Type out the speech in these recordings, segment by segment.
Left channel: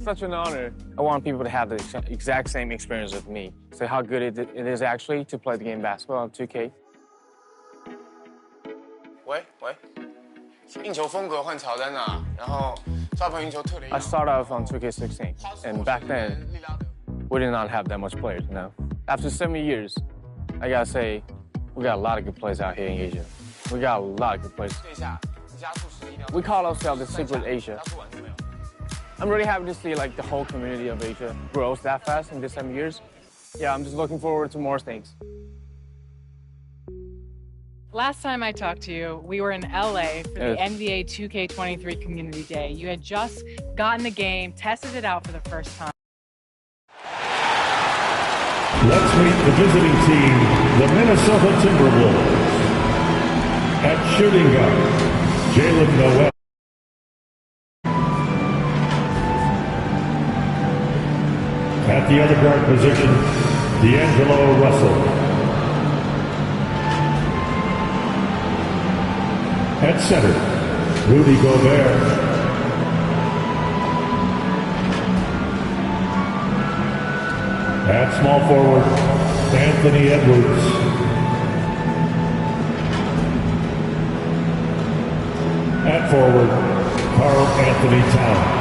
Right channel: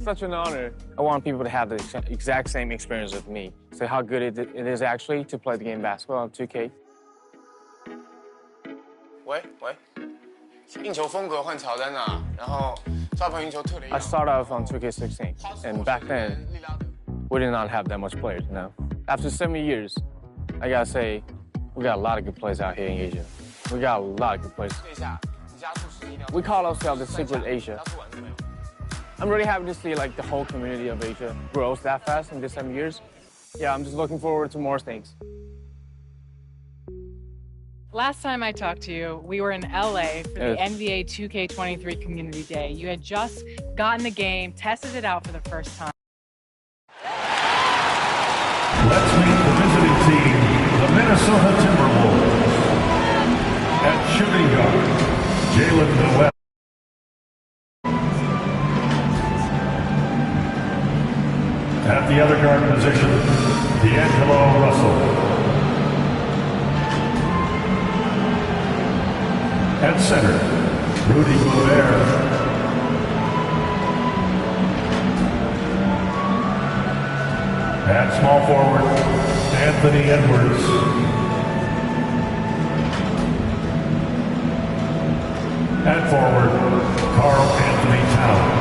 Such an honor. I want people to have the exact same experience with me. So how good it is actually to play the game basketball on 2K. 喂，运球风格换乔丹啊，然后抓盘运球特雷。I started off on 2K16, and back then, we did not have that much players, you know? After 70 years, I gotta say, we got a lot of good players out here in Asia. We got a lot of good players. We call ourselves the Secret Asia. I'm really happy to see like the whole community of Asia grows that fast in this 7 years. Yeah, I'm just looking forward to more things. Last time I talked to you, we were in LA for the NBA 2K23 Community Day. You had just gotten the game, tested it out for the first time. Let's meet the visiting team, the Minnesota Timberwolves. At shooting guard, Jalen Noel. At the other guard position, D'Angelo Russell. At center, Rudy Gobert. At small forward, Anthony Edwards. At forward, Karl Anthony Towns.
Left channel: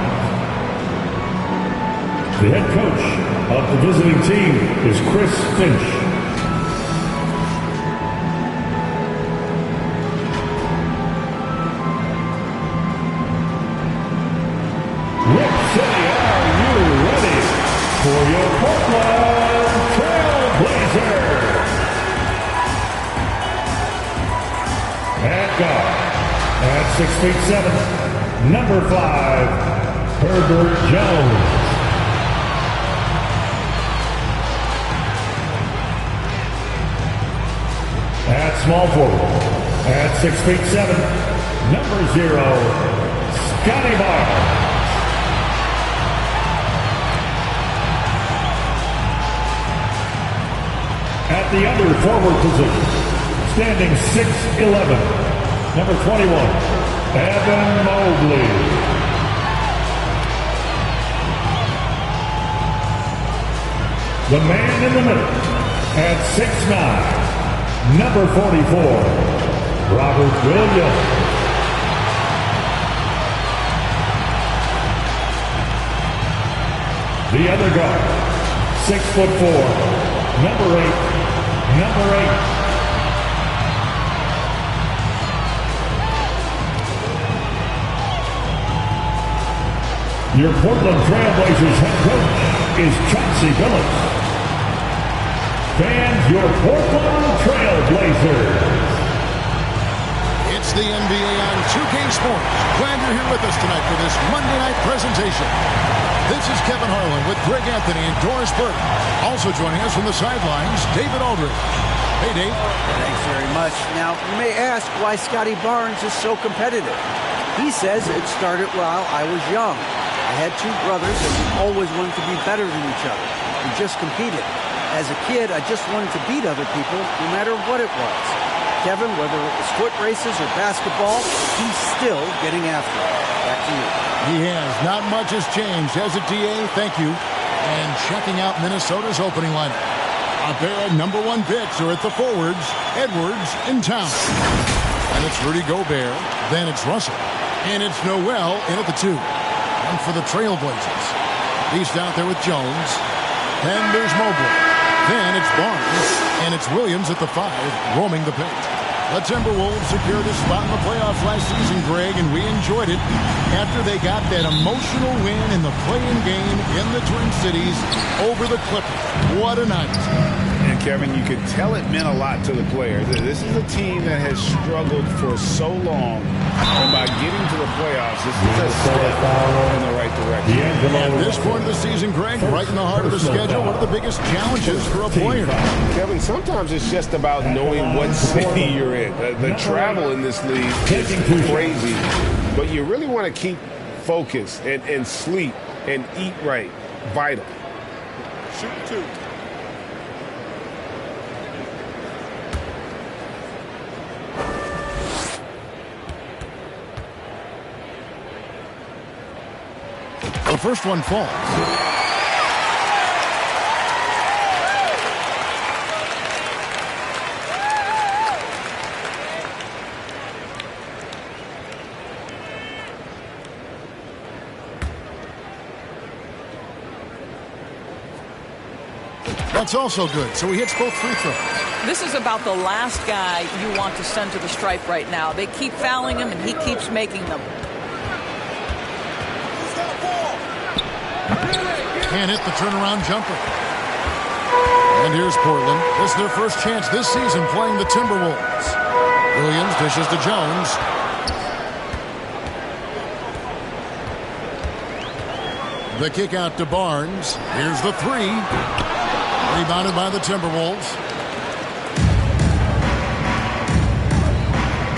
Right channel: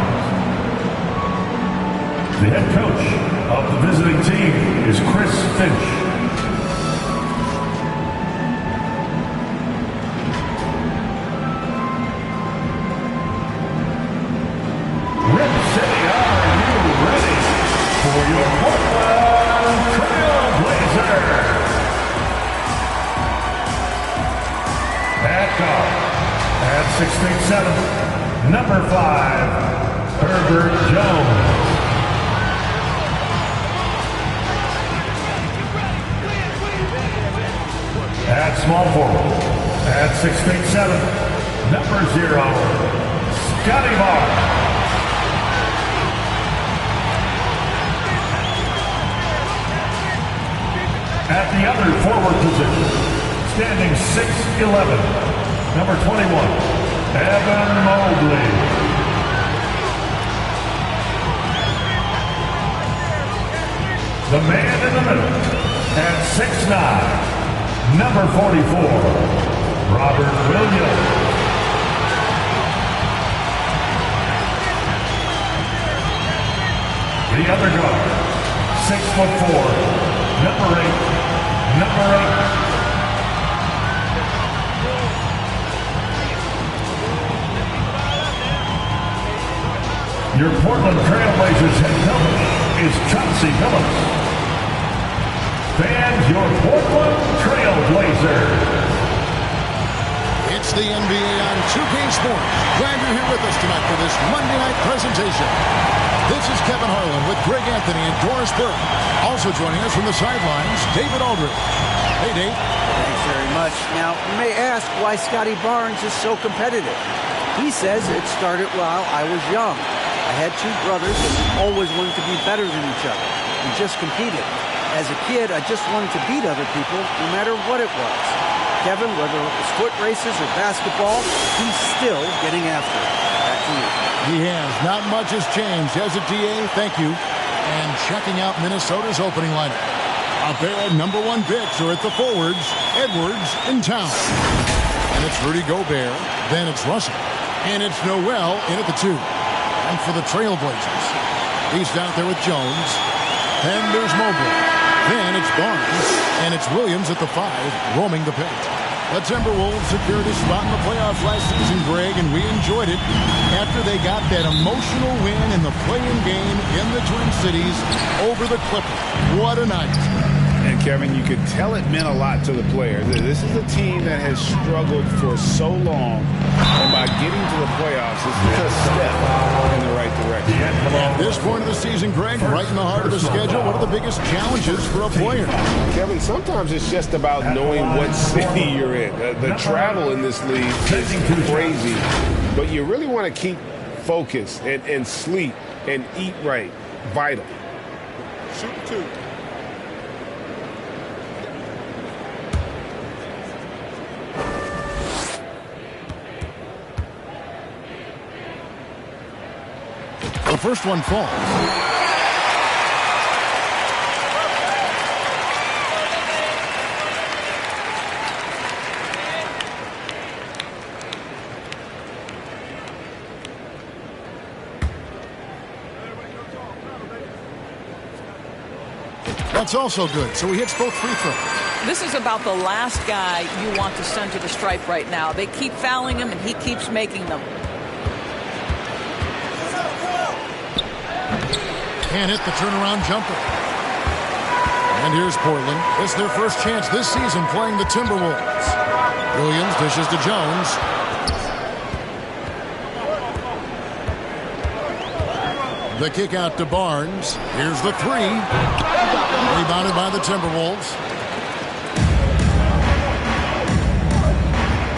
The head coach of the visiting team is Chris Finch. Rip City, are you ready for your Portland Trail Blazers? At guard, at 6'7", number 5, Herbert Jones. At small forward, at 6'7", number 0, Scotty Barnes. At the other forward position, standing 6'11", number 21, Evan Mobley. The man in the middle, at 6'9", number 44, Robert Williams. The other guard, 6'4", number 8, number 8. Your Portland Trailblazers head coach is Chauncey Billups. Fans, your Portland Trailblazers. It's the NBA on 2K Sports. Glad you're here with us tonight for this Monday night presentation. This is Kevin Harlan with Greg Anthony and Doris Burke. Also joining us from the sidelines, David Aldridge. Hey, Dave. Thanks very much. Now, you may ask why Scotty Barnes is so competitive. He says it started while I was young. I had two brothers and we always wanted to be better than each other. We just competed. As a kid, I just wanted to beat other people, no matter what it was. Kevin, whether it was foot races or basketball, he's still getting after it. Back to you. He has. Not much has changed, has it, DA? Thank you. And checking out Minnesota's opening lineup. A pair of number 1 picks are at the forwards, Edwards and Towns. And it's Rudy Gobert, then it's Russell. And it's Noel in at the 2. And for the Trailblazers, he's out there with Jones. Then there's Mobley. Then it's Barnes. And it's Williams at the 5, roaming the paint. The Timberwolves secured a spot in the playoffs last season, Greg, and we enjoyed it after they got that emotional win in the play-in game in the Twin Cities over the Clippers. What a night. And, Kevin, you could tell it meant a lot to the players. This is a team that has struggled for so long, and by getting to the playoffs, this is a step in the right direction. At this point of the season, Greg, right in the heart of the schedule, what are the biggest challenges for a player? Kevin, sometimes it's just about knowing what city you're in. The travel in this league is crazy, but you really want to keep focused and sleep and eat right. Vital. Shoot 2. first one falls. That's also good, so he hits both free throws. This is about the last guy you want to send to the stripe right now. They keep fouling him, and he keeps making them. Can't hit the turnaround jumper. And here's Portland. This is their first chance this season playing the Timberwolves. Williams dishes to Jones. The kick out to Barnes. Here's the three. Rebounded by the Timberwolves.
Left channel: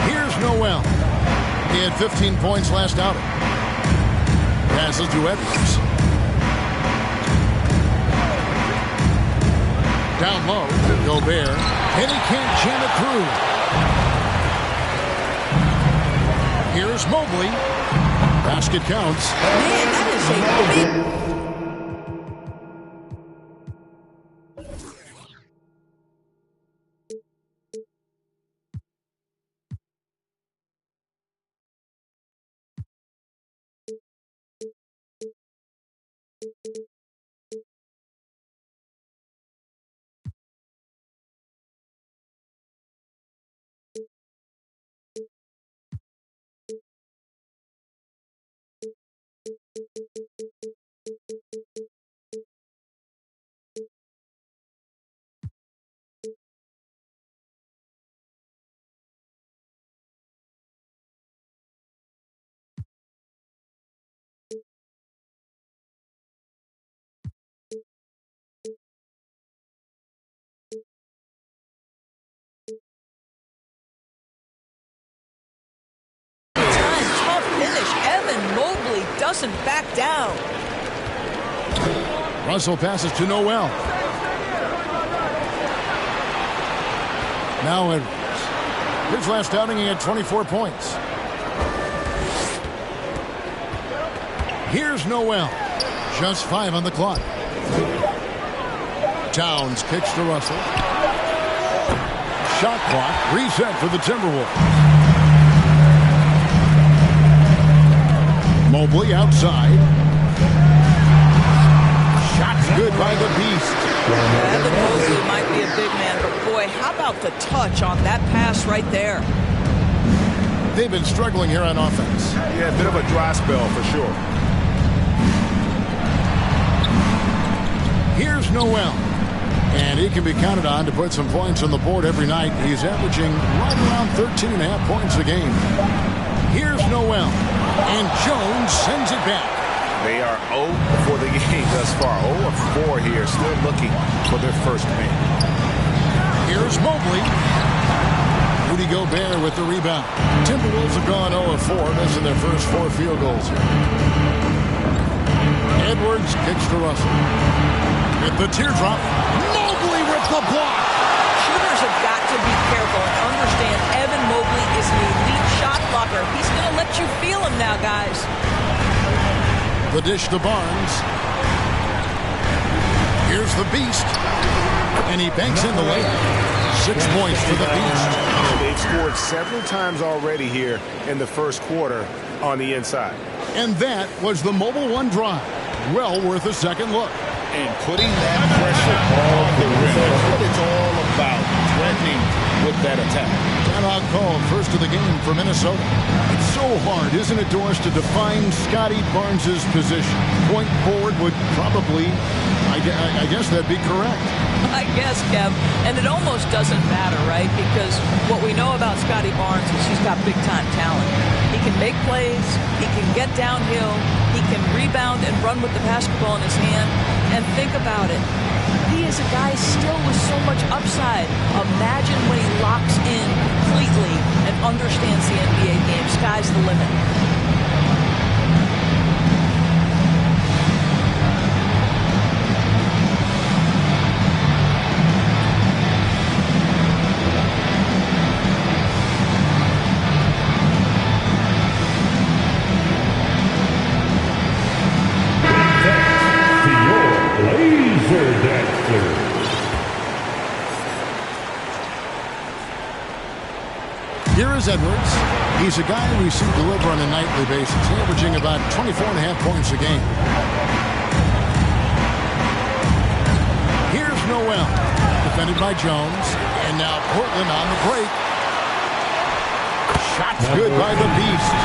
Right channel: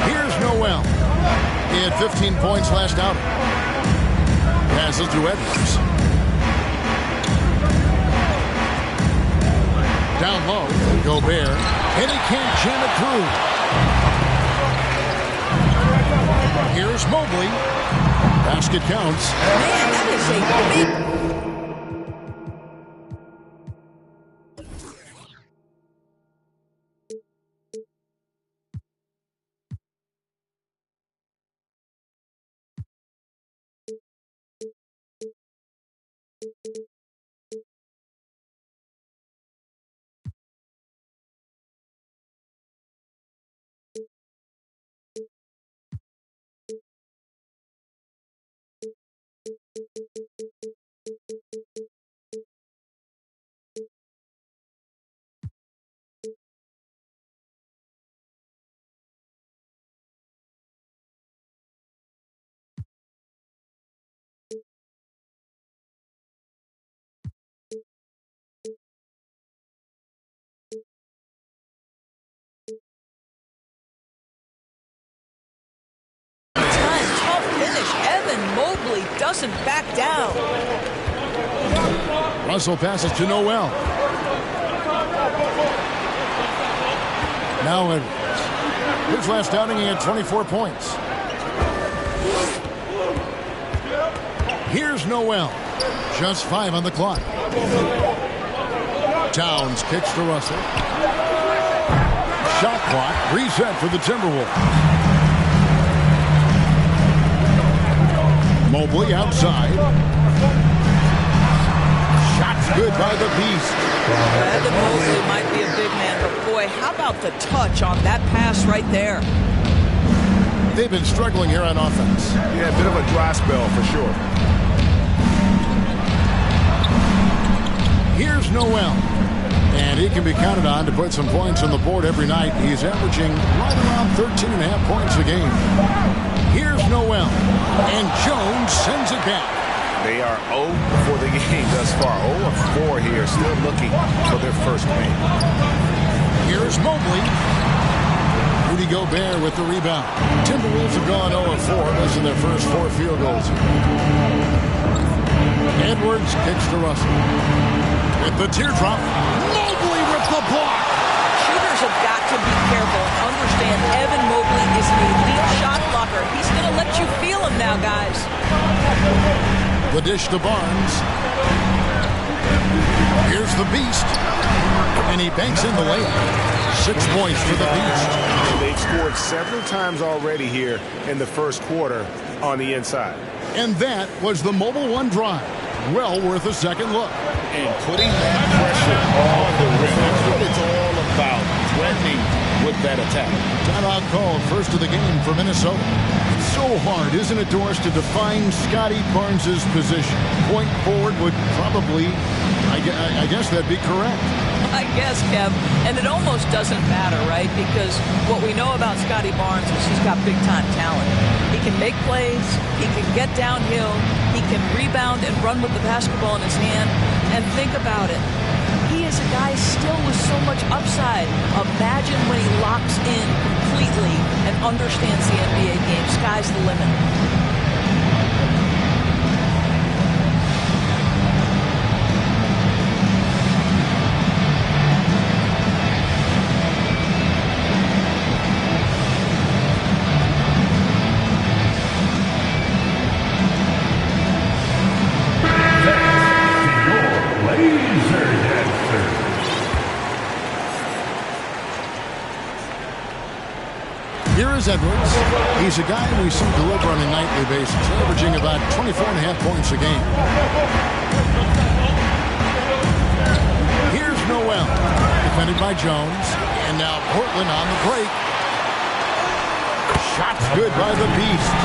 Here's Noel. He had 15 points last outing. Passes to Edwards. Down low, Gobert. And he can't jam it through. Here's Mobley. Basket counts. Man, that is a big... Tough finish. Evan Mobley doesn't back down. Russell passes to Noel. Now Edwards. His last outing, he had 24 points. Here's Noel. Just 5 on the clock. Towns kicks to Russell. Shot clock reset for the Timberwolves. Mobley outside. Shots good by the Beast. Evan Mobley might be a big man, but boy, how about the touch on that pass right there? They've been struggling here on offense. Yeah, a bit of a dry spell for sure. Here's Noel. And he can be counted on to put some points on the board every night. He's averaging right around 13.5 points a game. Here's Noel. And Jones sends it back. They are 0 for the game thus far. 0 of 4 here, still looking for their first win. Here's Mobley. Rudy Gobert with the rebound. Timberwolves have gone 0 of 4, missing their first 4 field goals here. Edwards kicks to Russell. With the teardrop, Mobley with the block. Shooters have got to be careful and understand Evan Mobley is an elite shot blocker. He's going to let you feel him now, guys. The dish to Barnes. Here's the Beast. And he banks in the layup. 6 points for the Beast. They've scored several times already here in the first quarter on the inside. And that was the Mobile One drive. Well worth a second look. And putting that pressure on the rim. That's what it's all about, threatening with that attack. Timeout called, first of the game for Minnesota. It's so hard, isn't it, Doris, to define Scotty Barnes' position? Point forward would probably, I guess that'd be correct. I guess, Kev. And it almost doesn't matter, right? Because what we know about Scotty Barnes is he's got big-time talent. He can make plays. He can get downhill. He can rebound and run with the basketball in his hand. And think about it. He is a guy still with so much upside. Imagine when he locks in completely and understands the NBA game. Sky's the limit. Here is Edwards. He's a guy we see deliver on a nightly basis, averaging about 24.5 points a game. Here's Noel, defended by Jones. And now Portland on the break. Shots good by the Beast.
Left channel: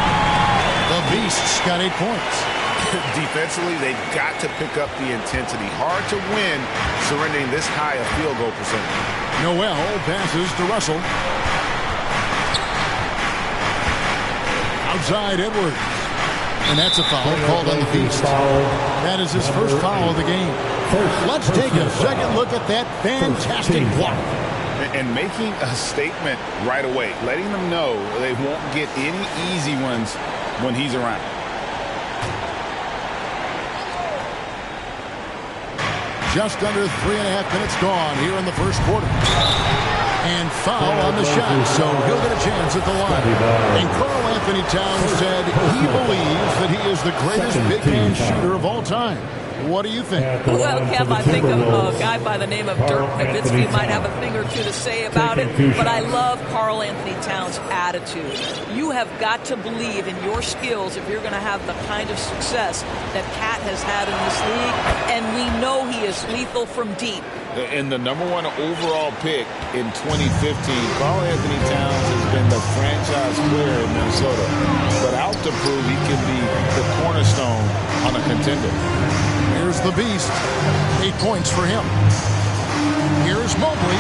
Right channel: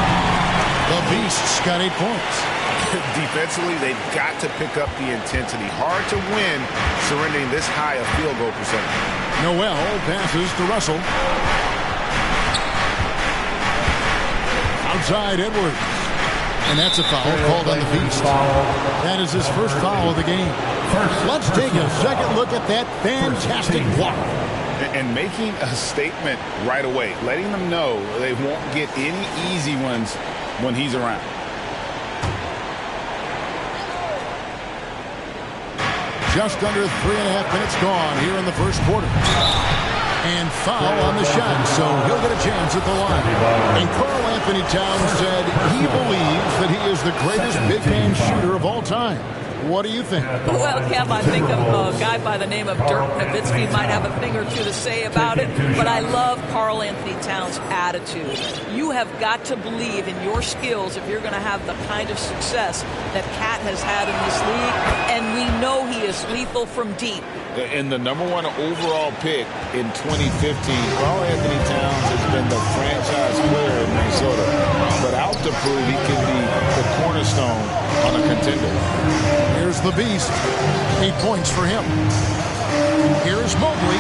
The Beast's got 8 points. Defensively, they've got to pick up the intensity. Hard to win surrendering this high a field goal percentage. Noel passes to Russell. Outside Edwards. And that's a foul called on the Beast. That is his first foul of the game. Let's take a second look at that fantastic block. And making a statement right away, letting them know they won't get any easy ones when he's around. Just under 3.5 minutes gone here in the first quarter. And foul on the shot, so he'll get a chance at the line. And Karl Anthony Towns said he believes that he is the greatest big man shooter of all time. What do you think? Well, Kev, I think of a guy by the name of Dirk Nowitzki might have a thing or two to say about it, but I love Karl Anthony Towns' attitude. You have got to believe in your skills if you're going to have the kind of success that Cat has had in this league, and we know he is lethal from deep. And the #1 overall pick in 2015, Karl Anthony Towns has been the franchise player in Minnesota, but out to prove he can be the cornerstone on a contender. Here's the Beast. 8 points for him. Here's Mobley.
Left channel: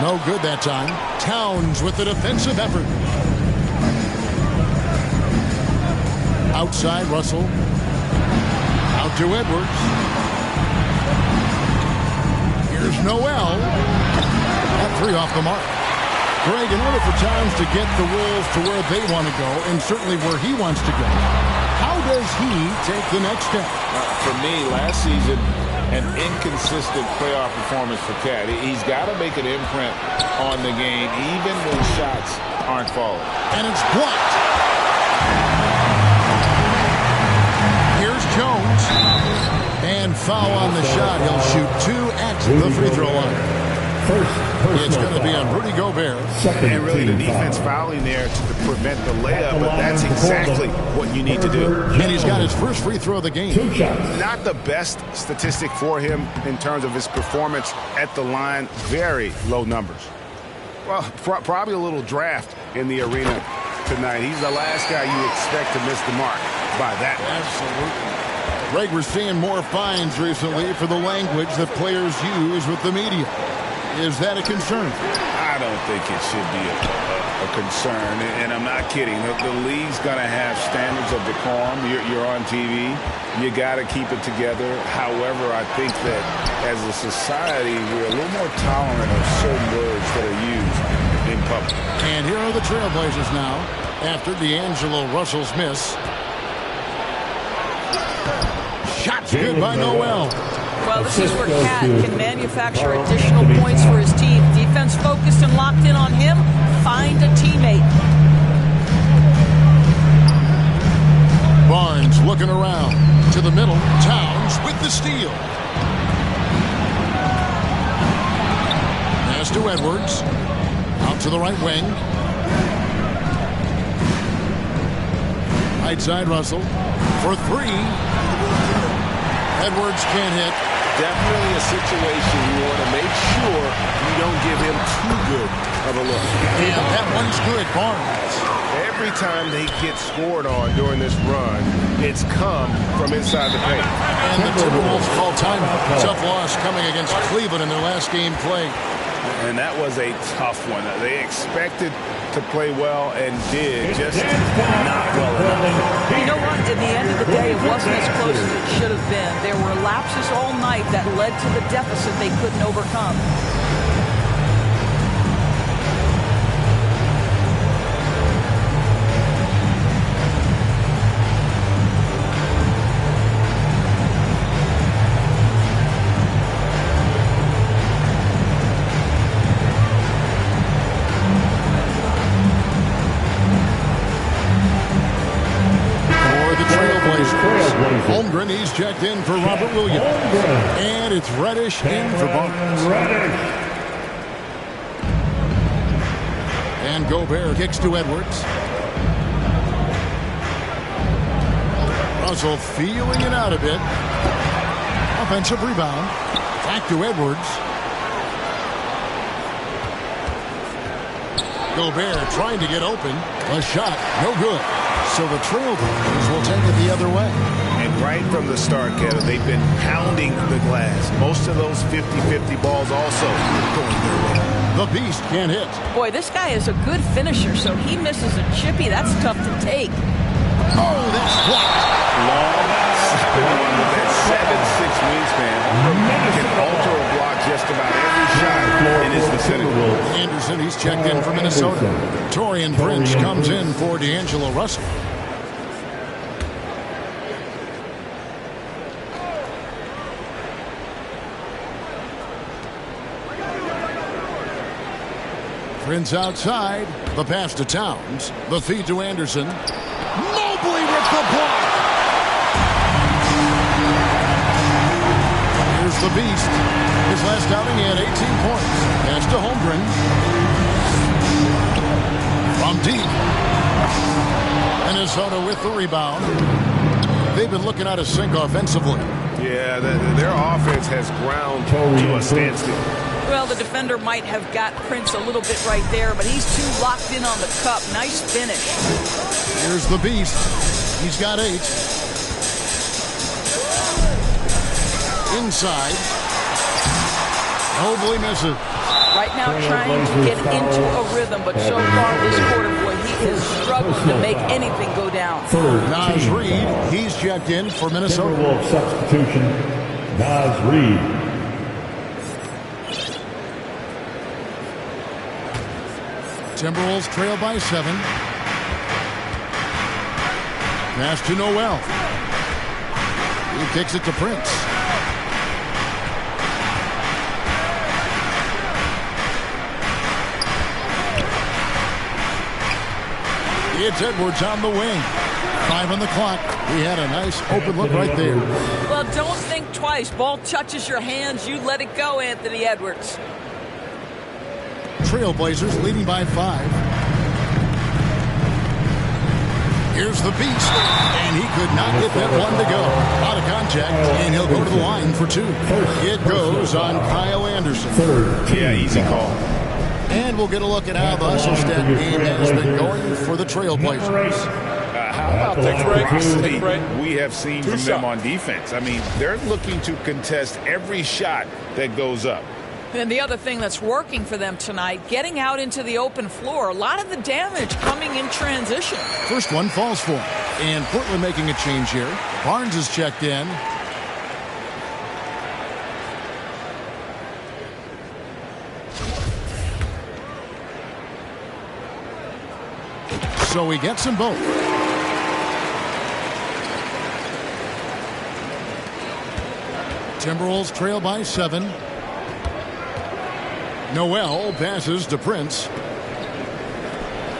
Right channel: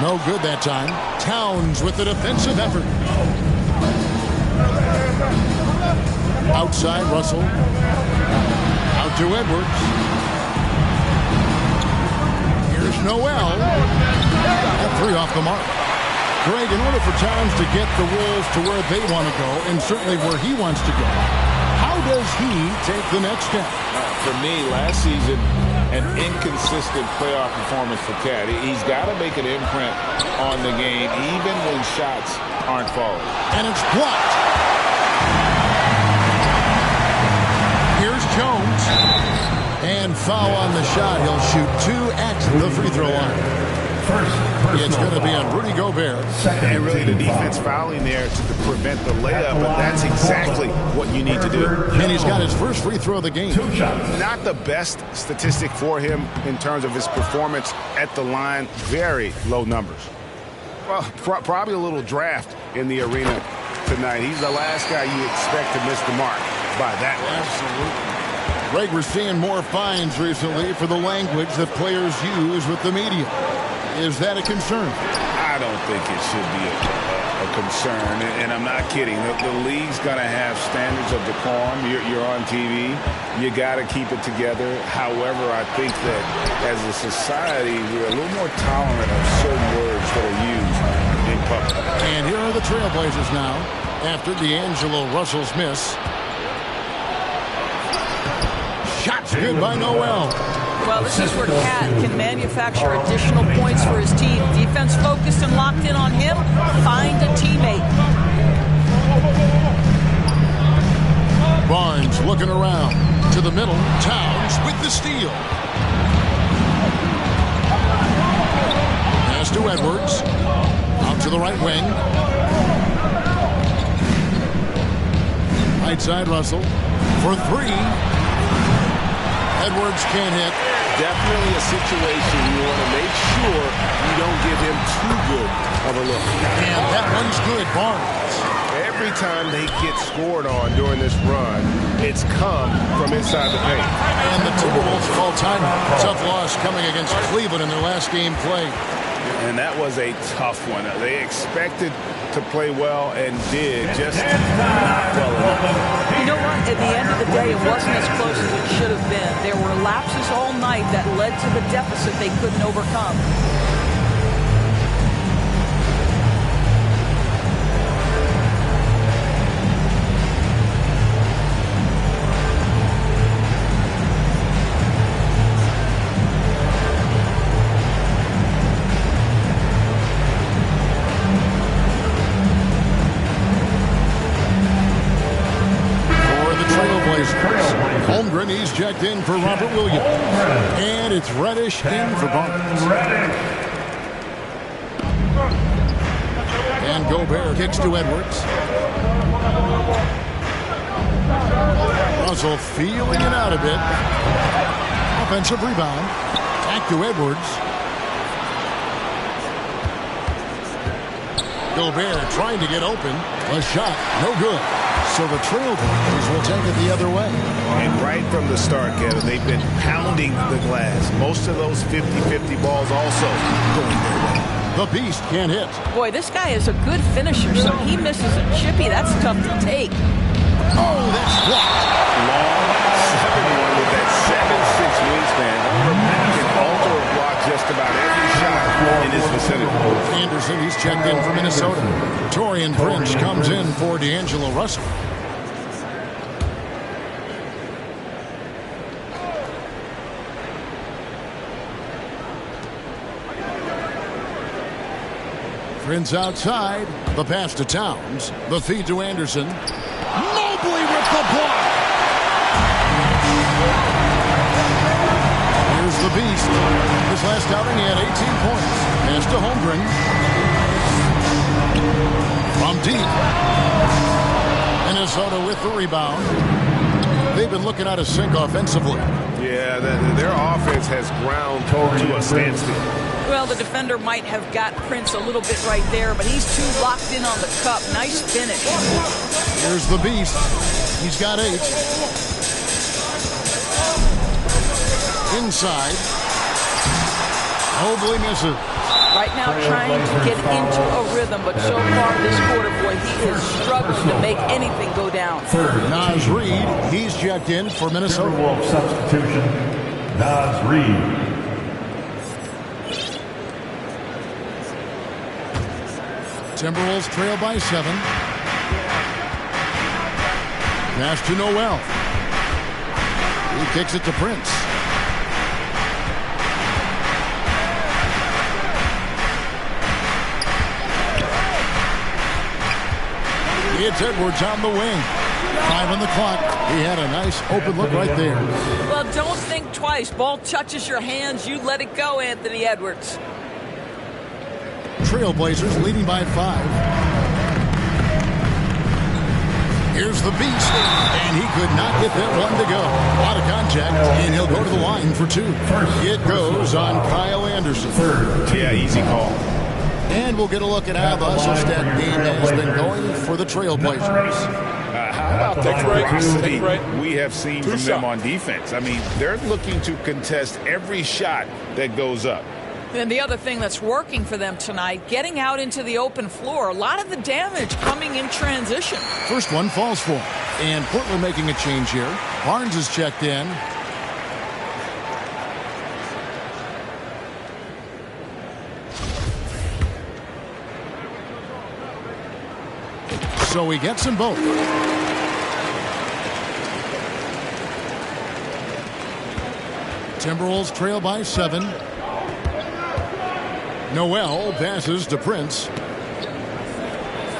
No good that time. Towns with the defensive effort. Outside Russell. Out to Edwards. Here's Noel. That 3 off the mark. Greg, in order for Towns to get the Wolves to where they want to go, and certainly where he wants to go, how does he take the next step? For me, last season, an inconsistent playoff performance for Cat. He's got to make an imprint on the game, even when shots aren't falling. And it's blocked. Here's Jones. And foul on the shot. He'll shoot 2 at the free throw line. It's going to be on Rudy Gobert. And really the defense fouling there to prevent the layup, but that's exactly what you need to do. And he's got his first free throw of the game. Not the best statistic for him in terms of his performance at the line. Very low numbers. Well, probably a little draft in the arena tonight. He's the last guy you expect to miss the mark by that much. Absolutely. Greg, we're seeing more fines recently for the language that players use with the media. Is that a concern? I don't think it should be a concern, and I'm not kidding. The league's going to have standards of decorum. You're on TV. You got to keep it together. However, I think that as a society, we're a little more tolerant of certain words that are used in public. And here are the Trailblazers now after D'Angelo Russell's miss. Shots good by Noel. Well, this is where Cat can manufacture additional points for his team. Defense focused and locked in on him. Find a teammate. Barnes looking around. To the middle. Towns with the steal. Pass to Edwards. Out to the right wing. Right side Russell. For 3. Edwards can't hit. Definitely a situation you want to make sure you don't give him too good of a look. And that one's good, Barnes. Every time they get scored on during this run, it's come from inside the paint. And the Timberwolves call timeout. Tough loss coming against Cleveland in their last game played. And that was a tough one. They expected to play well and did, just not well enough. You know what? At the end of the day, it wasn't as close as it should have been. There were lapses all night that led to the deficit they couldn't overcome. Holmgren, he's checked in for Robert Williams. And it's Reddish in for Barnes. And Gobert kicks to Edwards. Russell feeling it out a bit. Offensive rebound. Back to Edwards. Gobert trying to get open. A shot, no good. So the Trailblazers will take it the other way. And right from the start, Kevin, they've been pounding the glass. Most of those 50-50 balls also going their way. The Beast can't hit. Boy, this guy is a good finisher, so he misses a chippy. That's tough to take. Oh, that's blocked. Long 7-1 with that 7'6" wingspan. Holmgren can alter a block just about every shot in his vicinity. Anderson, he's checked in for Minnesota. Taurean Prince comes in for D'Angelo Russell. Prince outside. The pass to Towns. The feed to Anderson. Mobley with the block. Here's the Beast. His last outing, he had 18 points. Pass to Holmgren. From deep. Minnesota with the rebound. They've been looking out of sync offensively. Yeah, their offense has ground to a standstill. Well, the defender might have got Prince a little bit right there, but he's too locked in on the cup. Nice finish. Here's the Beast. He's got 8. Inside. Mobley misses. Right now trying to get into a rhythm, but so far this quarter, boy, he is struggling to make anything go down. Naz Reid, he's checked in for Minnesota. Timberwolves substitution, Naz Reid. Timberwolves trail by 7. Pass to Noel. He kicks it to Prince. It's Edwards on the wing. 5 on the clock. He had a nice open look right there. Well, don't think twice. Ball touches your hands. You let it go, Anthony Edwards. Trailblazers leading by 5. Here's the Beast, and he could not get that one to go. A lot of contact, and he'll go to the line for 2. It goes on Kyle Anderson. Yeah, easy call. And we'll get a look at how the hustle stat game has been going for the Trailblazers. How about the ferocity we have seen from them on defense? I mean, they're looking to contest every shot that goes up. And the other thing that's working for them tonight, getting out into the open floor. A lot of the damage coming in transition. First one falls for him. And Portland making a change here. Barnes is checked in. So he gets them both. Timberwolves trail by 7. Noel passes to Prince.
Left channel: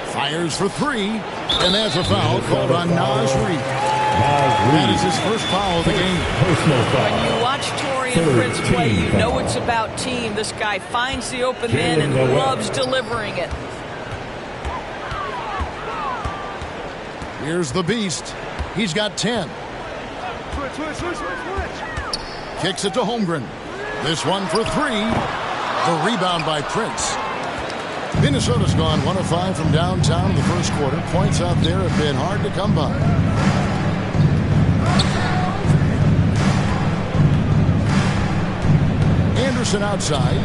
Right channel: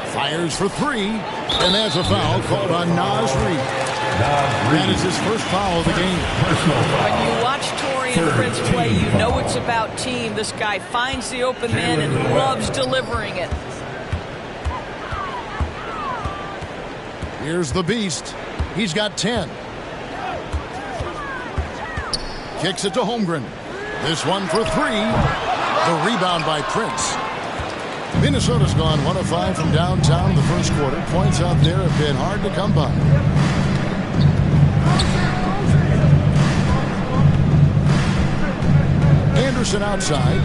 Fires for 3. And that's a foul called on Naz Reid. That is his first foul of the game. When you watch Taurean Prince play, you know it's about team. This guy finds the open man and loves delivering it. Here's the Beast. He's got 10. Kicks it to Holmgren. This one for 3. The rebound by Prince. Minnesota's gone 1 of 5 from downtown in the first quarter. Points out there have been hard to come by. Anderson outside.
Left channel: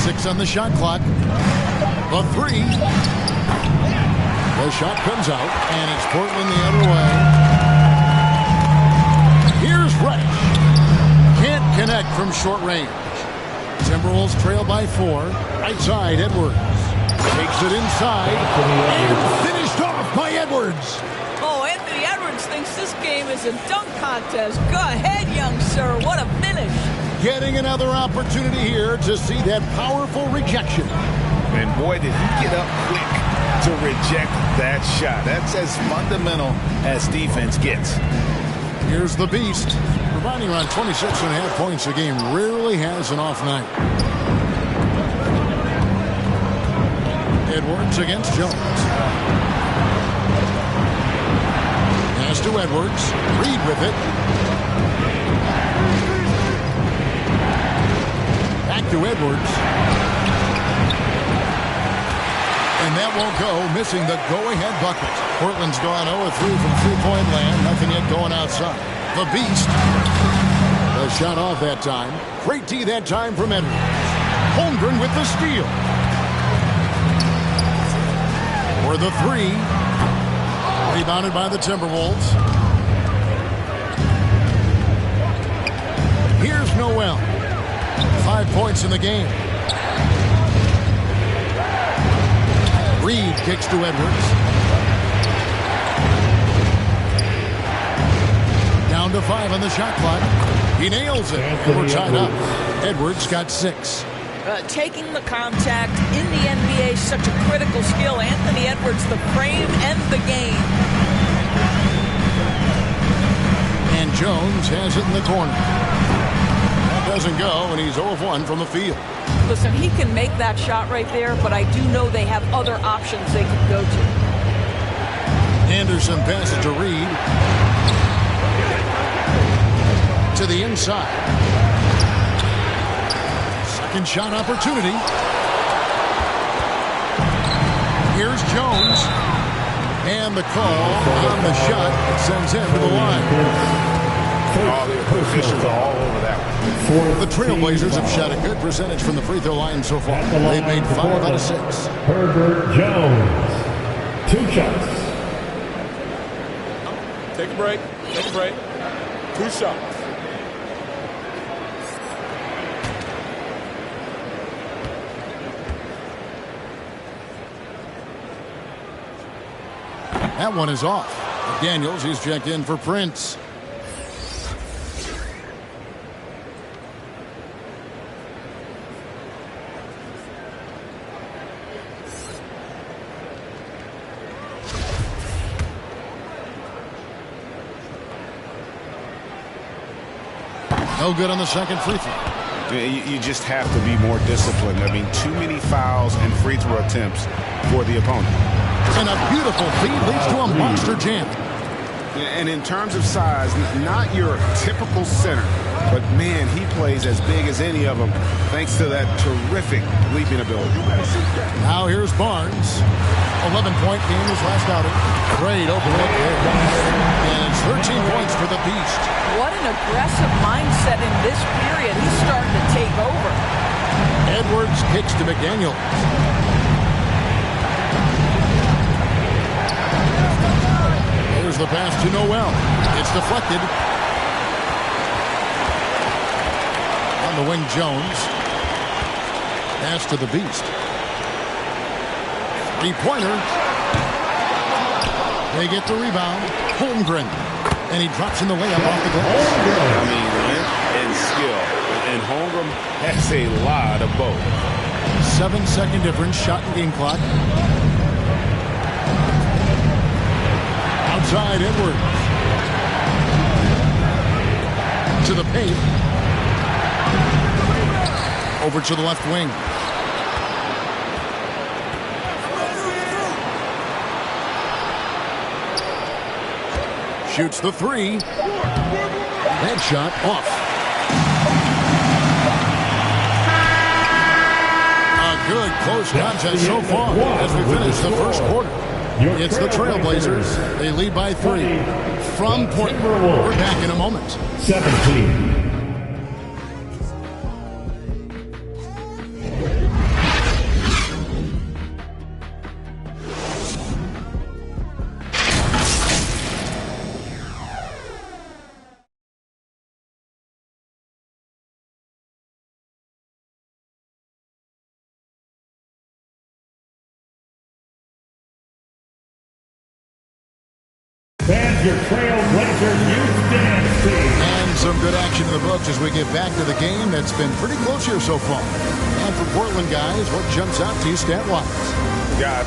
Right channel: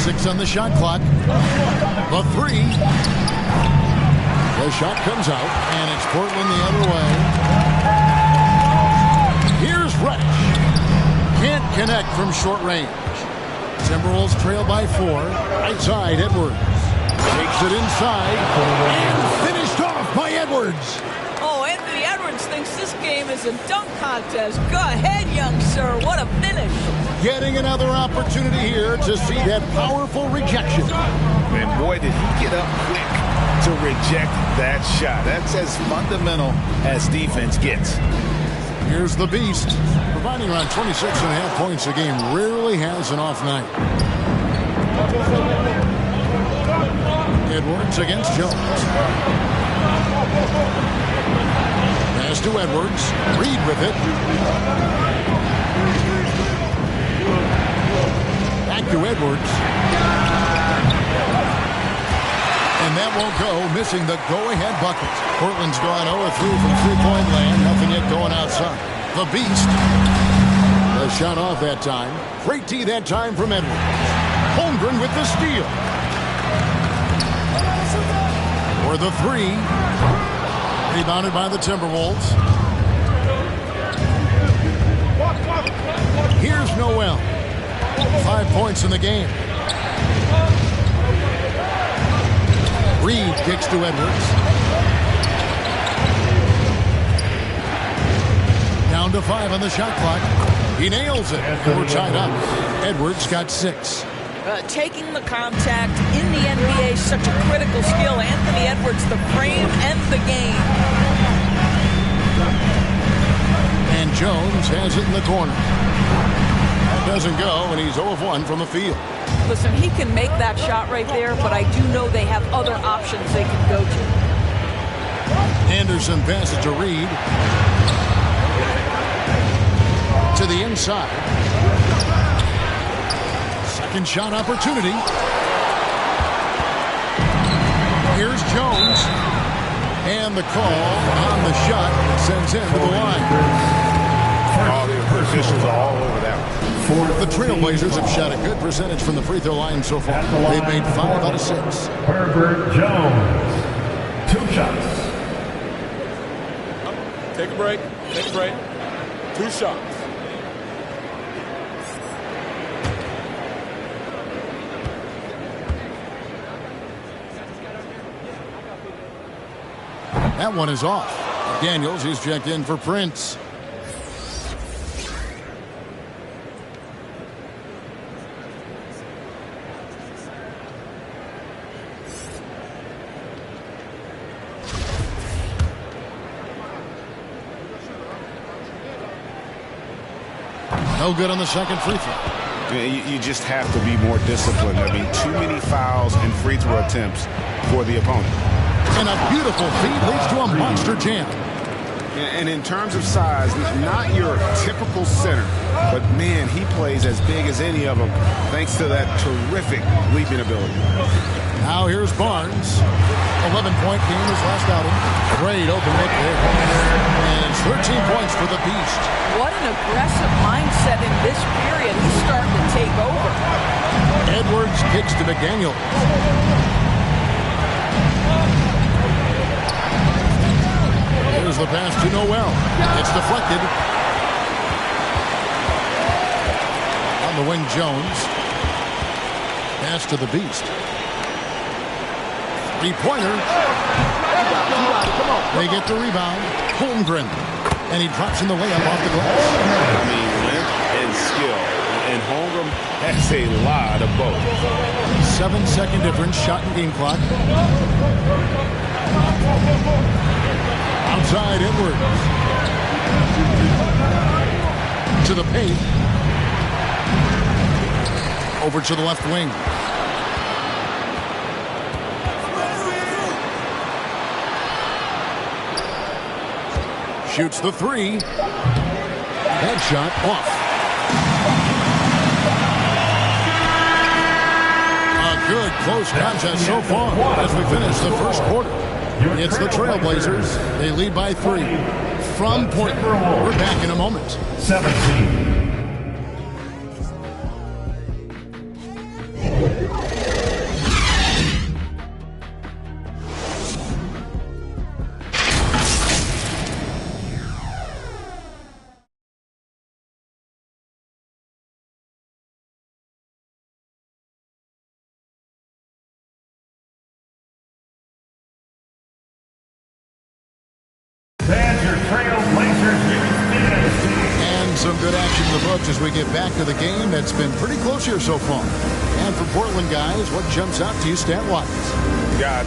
6 on the shot clock. The 3. The shot comes out, and it's Portland the other way. Here's Reddish. Can't connect from short range. Timberwolves trail by 4. Right side, Edwards. Takes it inside, and finished off by Edwards. Oh, Anthony Edwards thinks this game is a dunk contest. Go ahead, young sir. What a finish. Getting another opportunity here to see that powerful rejection. And boy, did he get up quick to reject that shot. That's as fundamental as defense gets. Here's the Beast, providing around 26.5 points a game. Rarely has an off night. Edwards against Jones. Pass to Edwards. Reed with it. Back to Edwards. And that won't go, missing the go-ahead bucket. Portland's gone 0-3 from three-point land. Nothing yet going outside. The Beast. The shot off that time. Great D that time from Edwards. Holmgren with the steal. For the three. Rebounded by the Timberwolves. Here's Noel. 5 points in the game. Reed kicks to Edwards. Down to 5 on the shot clock. He nails it, and we're tied up. Edwards got 6. Taking the contact in the NBA is such a critical skill. Anthony Edwards, the frame and the game. And Jones has it in the corner. That doesn't go, and he's 0 of 1 from the field. Listen, he can make that shot right there, but I do know they have other options they could go to. Anderson passes to Reed. To the inside. Second shot opportunity. Here's Jones. And the call on the shot that sends him to the line. All the officials are all over that one. The Trailblazers have shot a good percentage from the free throw line so far. They've made 5 out of 6. Herbert Jones. 2 shots. Take a break. Take a break. 2 shots. That one is off. McDaniels, he's checked in for Prince. No good on the second free throw. You just have to be more disciplined. I mean, too many fouls and free throw attempts for the opponent. And a beautiful feed leads to a monster jam. And in terms of size, not your typical center, but man, he plays as big as any of them thanks to that terrific leaping ability. Now here's Barnes. 11-point game his last outing. Great open look there. And it's 13 points for the Beast. What an aggressive mindset in this period. He's starting to take over. Edwards kicks to McDaniels. Here's the pass to Noel. It's deflected. On the wing, Jones. Pass to the Beast. Three-pointer. They get the rebound. Holmgren. And he drops in the layup off the glass. I mean, length and skill. And Holmgren has a lot of both. 7-second difference, shot and game clock. Outside Edwards. To the paint. Over to the left wing. Shoots the three. That shot off. A good close contest so far as we finish the first quarter. It's the Trailblazers. They lead by 3 from Portland. We're back in a moment. 17. Fans, your Trailblazers youth dance team. And some good action in the books as we get back to the game that's been pretty close here so far. And for Portland guys, what jumps out to you stat-wise? God.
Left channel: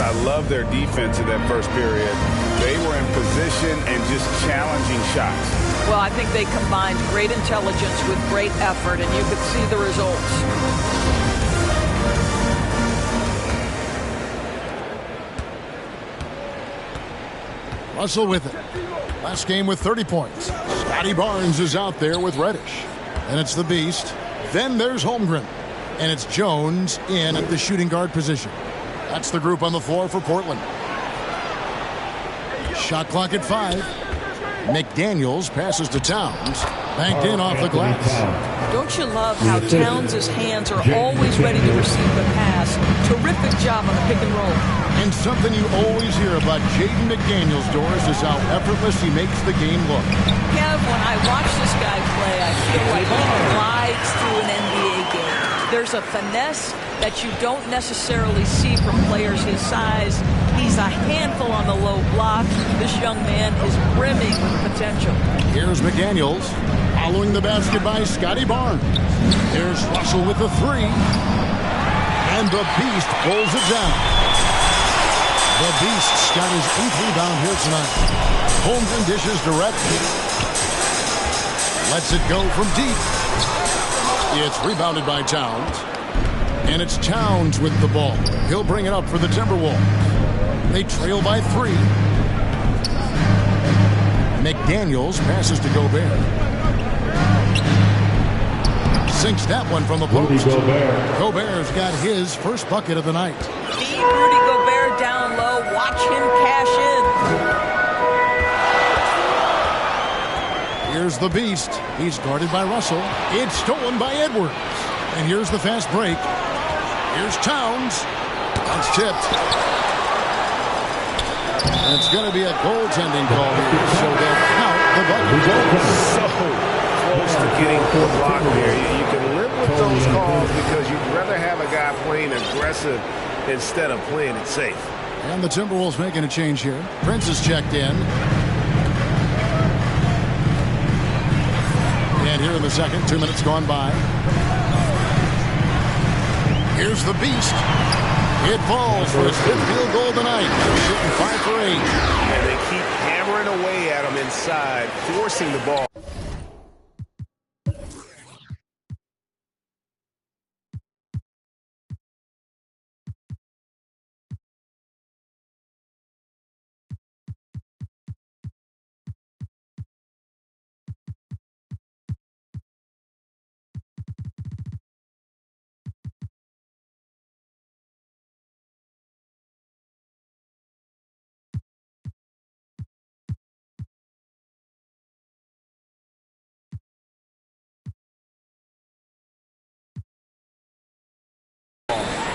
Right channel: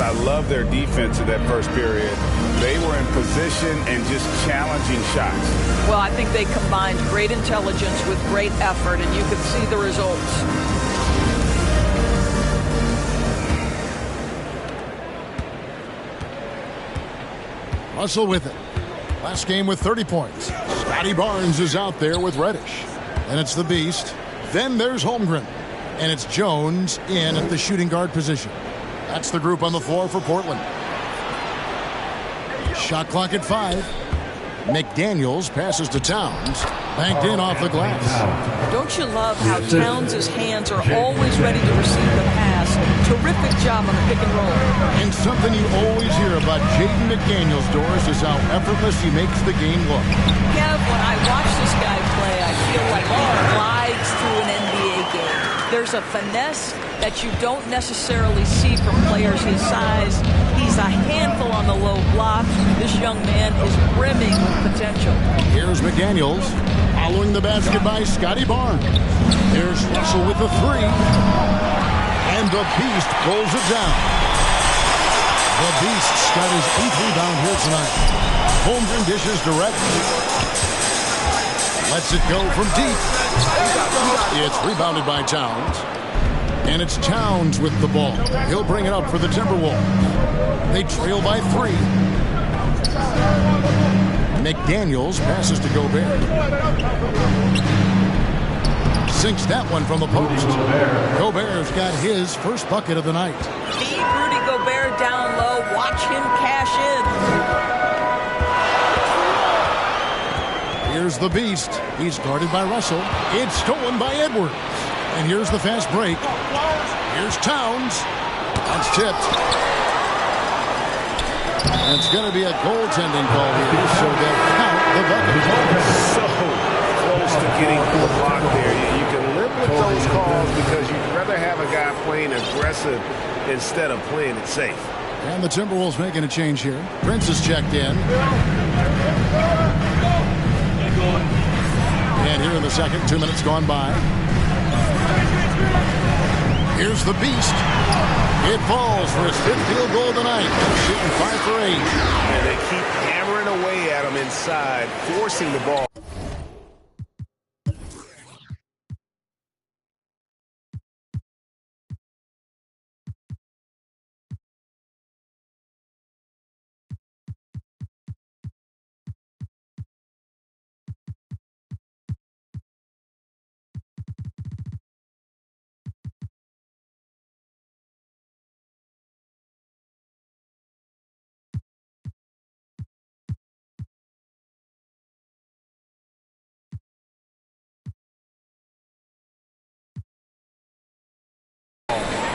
I love their defense in that first period. They were in position and just challenging shots. Well, I think they combined great intelligence with great effort, and you could see the results. Russell with it. Last game with 30 points. Scotty Barnes is out there with Reddish. And it's the Beast. Then there's Holmgren. And it's Jones in at the shooting guard position. That's the group on the floor for Portland. Shot clock at 5. McDaniels passes to Towns. Banked in off the glass. Don't you love how Towns' hands are always ready to receive the pass? Terrific job on the pick and roll. And something you always hear about Jaden McDaniels, Doris, is how effortless he makes the game look. Kev, when I watch this guy play, I feel like he glides through an NBA game. There's a finesse that you don't necessarily see from players his size. He's a handful on the low block. This young man is brimming with potential. Here's McDaniels. Following the basket by Scotty Barnes. There's Russell with the 3. And the Beast pulls it down. The Beast's got his 8th rebound here tonight. Holmgren dishes to Reddish. Lets it go from deep. It's rebounded by Towns. And it's Towns with the ball. He'll bring it up for the Timberwolves. They trail by 3. McDaniels passes to Gobert. Sinks that one from the post. Gobert's got his first bucket of the night. Feed Rudy Gobert down low. Watch him cash in. Here's the Beast. He's guarded by Russell. It's stolen by Edwards. And here's the fast break. Here's Towns. That's tipped. It's going to be a goaltending call here, so they'll count the bucket. So close to getting the block there. You can live with those calls because you'd rather have a guy playing aggressive instead of playing it safe. And the Timberwolves making a change here. Prince is checked in. And here in the second, 2 minutes gone by. Here's the Beast. It falls for his 5th field goal tonight. Shooting 5 for 8. And they keep hammering away at him inside, forcing the ball.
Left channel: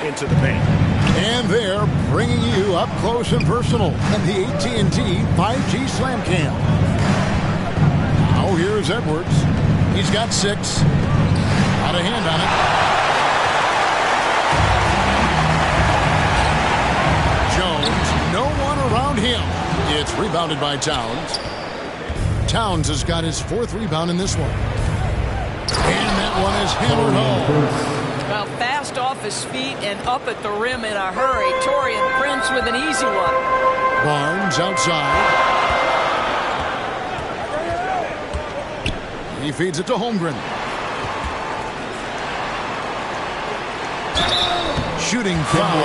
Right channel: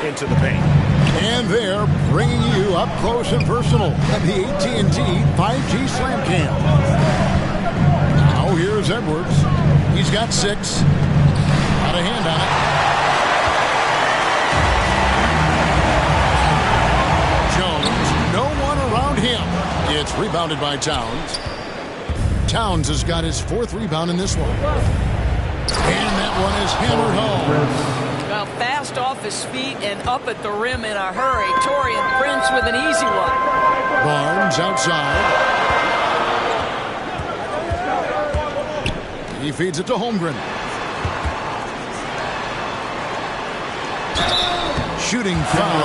Into the paint. And they're bringing you up close and personal at the AT&T 5G Slam Cam. Now here's Edwards. He's got 6. Got a hand on it. Jones, no one around him. It's rebounded by Towns. Towns has got his 4th rebound in this one. And that one is hammered home. Well, fast off his feet and up at the rim in a hurry. Taurean Prince with an easy one. Barnes outside. He feeds it to Holmgren. Shooting foul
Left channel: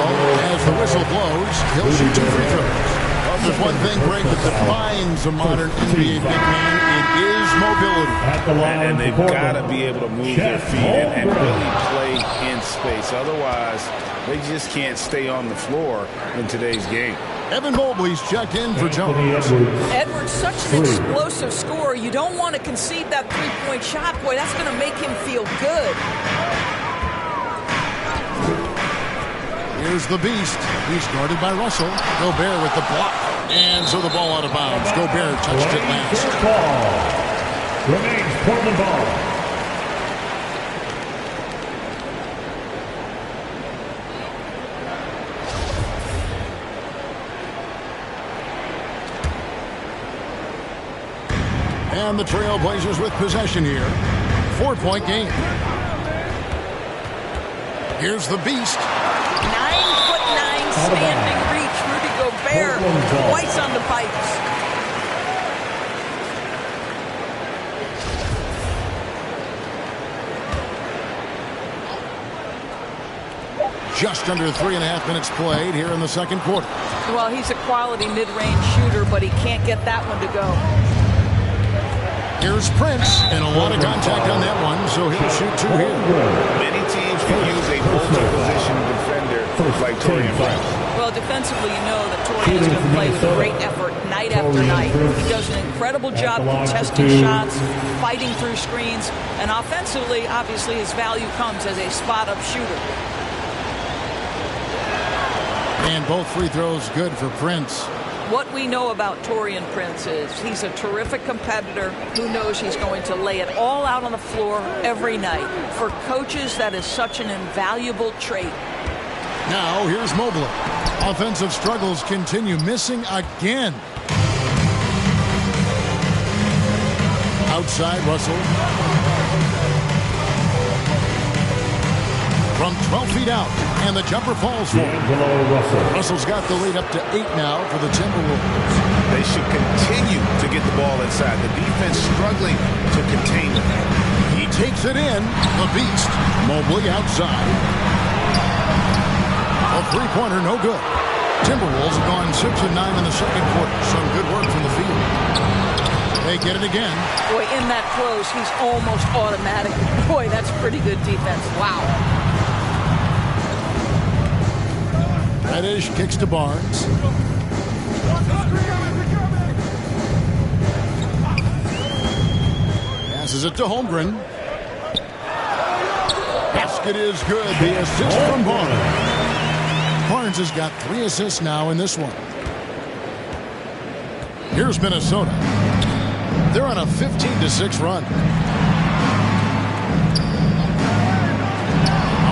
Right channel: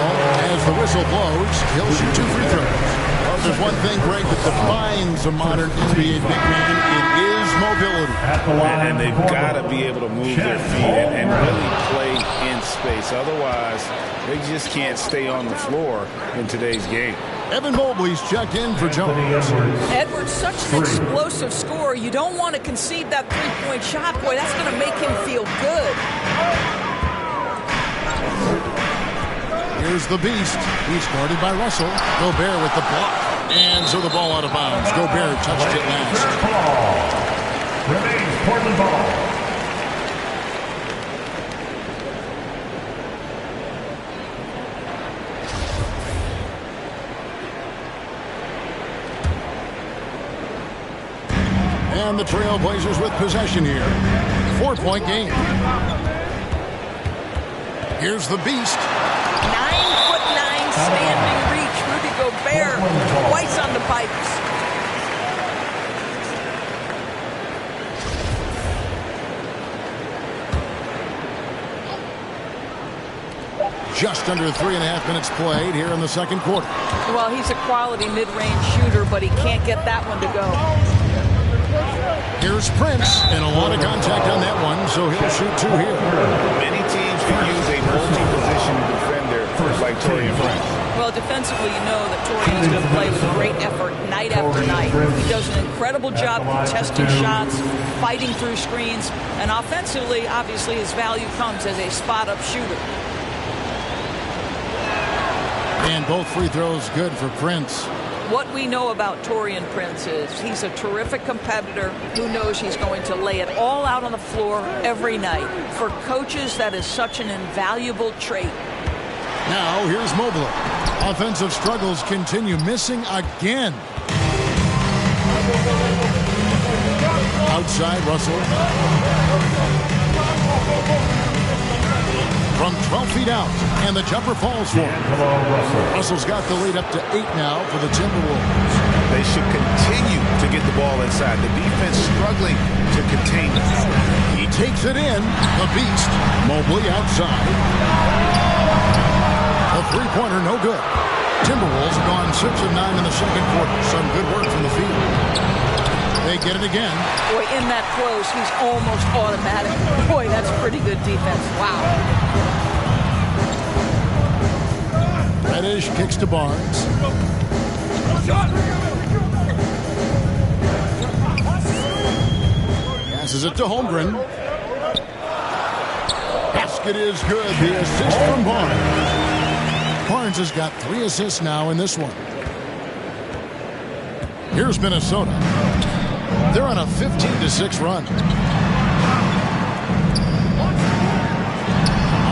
as the whistle blows. He'll shoot 2 free throws. Well, there's one thing, Greg, that defines a modern NBA big man. It is mobility. And they've got to be able to move their feet and really play in space. Otherwise, they just can't stay on the floor in today's game. Evan Mobley's checked in for Jones. Edwards, such an explosive scorer. You don't want to concede that three-point shot. Boy, that's going to make him feel good. Here's the Beast. He's guarded by Russell. Gobert with the block. And so the ball out of bounds. Gobert touched it last. Ball. Remains Portland ball. And the Trailblazers with possession here. 4-point game. Here's the Beast. 9'9" standing reach Rudy Gobert twice on the pipes. Just under 3.5 minutes played here in the second quarter. Well, he's a quality mid-range shooter, but he can't get that one to go. Here's Prince, and a lot of contact on that one, so he'll shoot 2 here. Many teams can use a multi-position defender like Taurean Prince. Well, defensively, you know that Taurean is going to play with great effort night after night. He does an incredible job contesting shots, fighting through screens, and offensively, obviously, his value comes as a spot-up shooter. And both free throws good for Prince. What we know about Taurean Prince is he's a terrific competitor who knows he's going to lay it all out on the floor every night. For coaches, that is such an invaluable trait. Now, here's Mobley. Offensive struggles continue, missing again. Outside, Russell. From 12 feet out, and the jumper falls for him. Russell's got the lead up to 8 now for the Timberwolves. They should continue to get the ball inside. The defense struggling to contain them. He takes it in. The Beast. Mobley outside. A three-pointer, no good. Timberwolves have gone 6 of 9 in the second quarter. Some good work from the field. They get it again. Boy, in that close, he's almost automatic. Boy, that's pretty good defense. Wow. Reddish kicks to Barnes. Passes it to Holmgren. Basket is good. The assist from Barnes. Barnes has got 3 assists now in this one. Here's Minnesota. They're on a 15-6 run.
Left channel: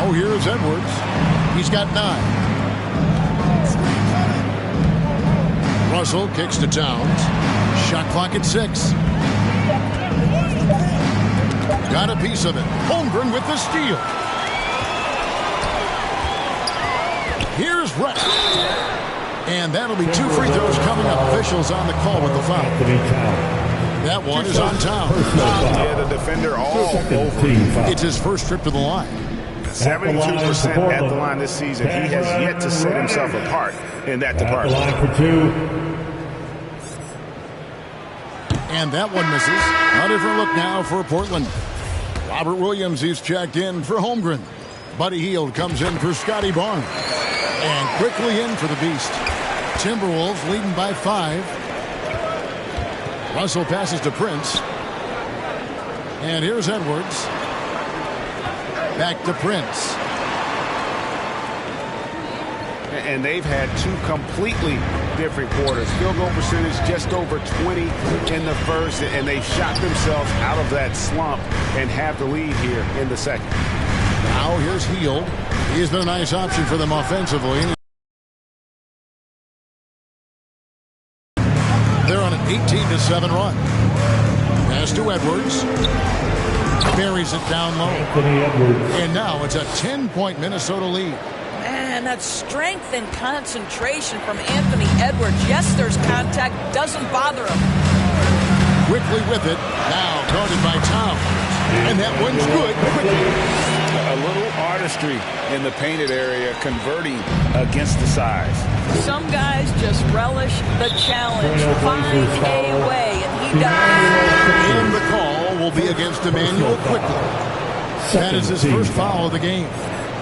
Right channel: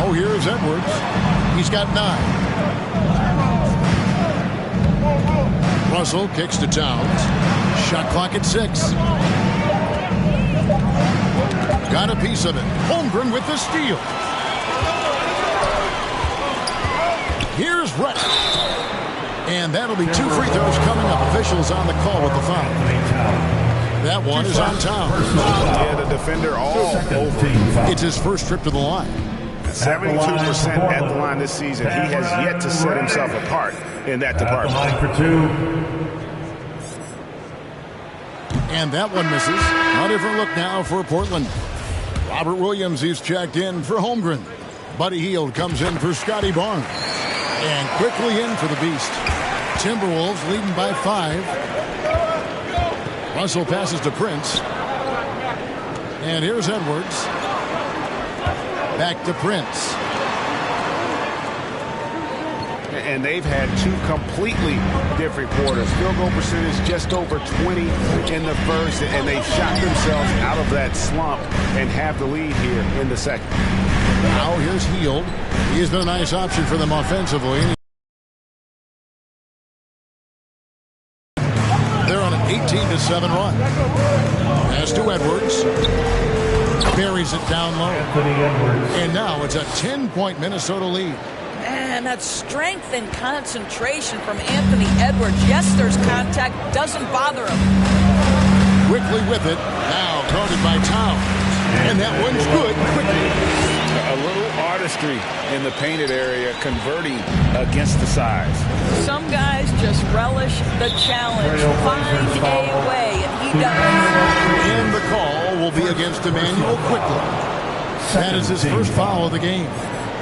Oh, here's Edwards. He's got 9. Russell kicks to Towns. Shot clock at 6. Got a piece of it. Holmgren with the steal. Here's Reddish. And that'll be 2 free throws coming up. Officials on the call with the foul. That one is on Towns. Yeah, the defender all over. It's his first trip to the line. 72% at the line this season. He has yet to set himself apart in that department. Line for 2. And that one misses. A different look now for Portland. Robert Williams, he's checked in for Holmgren. Buddy Hield comes in for Scotty Barnes. And quickly in for the Beast. Timberwolves leading by 5. Russell passes to Prince. And here's Edwards. Back to Prince. And they've had 2 completely different quarters. Field goal percentage just over 20 in the first, and they've shot themselves out of that slump and have the lead here in the second. Now here's Hield. He's been a nice option for them offensively. They're on an 18-7 run. Pass to Edwards. Buries it down low. And now it's a 10-point Minnesota lead. Man, that strength and concentration from Anthony Edwards. Yes, there's contact. Doesn't bother him. Quickly with it. Now guarded by Towns. And that one's good quickly. A little artistry in the painted area, converting against the size. Some guys just relish the challenge. Find a way, and he does. And the call will be against Emmanuel quickly. That is his first foul of the game.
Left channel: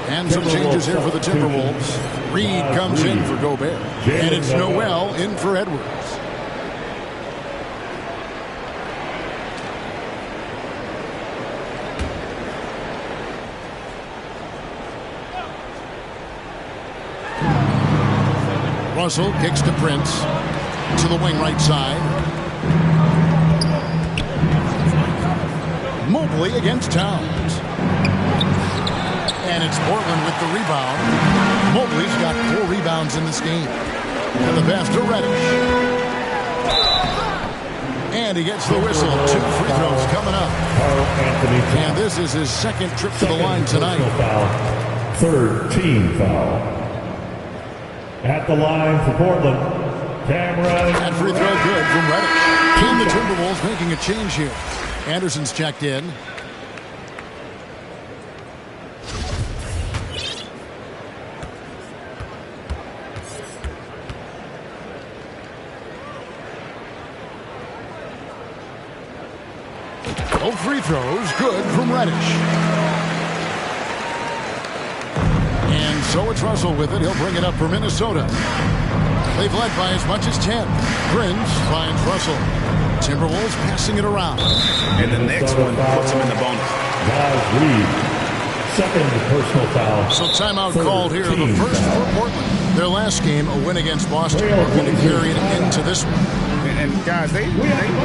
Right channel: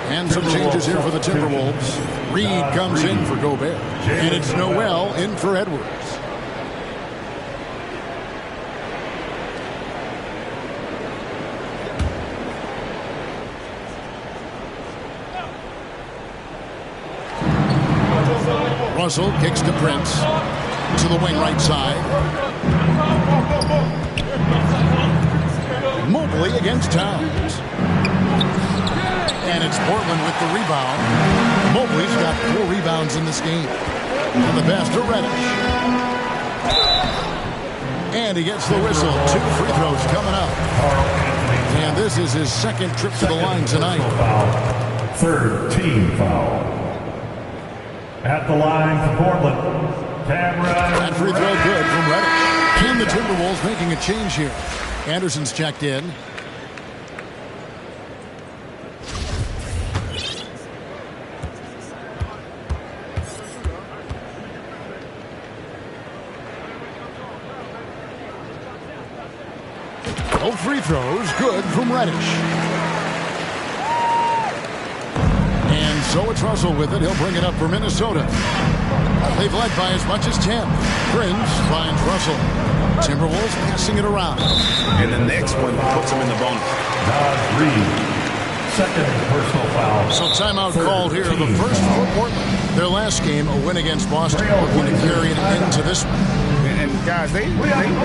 And some changes here for the Timberwolves. Reed comes in for Gobert. And it's Noel in for Edwards. Russell kicks to Prince. To the wing right side. Mobley against Towns. And it's Portland with the rebound. Mobley's got 4 rebounds in this game. And the pass to Reddish. And he gets the whistle. 2 free throws coming up. And this is his second trip to the line tonight. Third team foul. At the line for Portland, Cameron. That free throw good from Reddish. And the Timberwolves making a change here. Anderson's checked in. Both free throws good from Reddish. And so it's Russell with it. He'll bring it up for Minnesota. They've led by as much as 10. Prince finds Russell. Timberwolves passing it around. And the next one puts him in the bonus. Nas Reed. Second personal foul. So timeout called here. The first for Portland. Their last game, a win against Boston. Looking to carry it into this one. And guys, they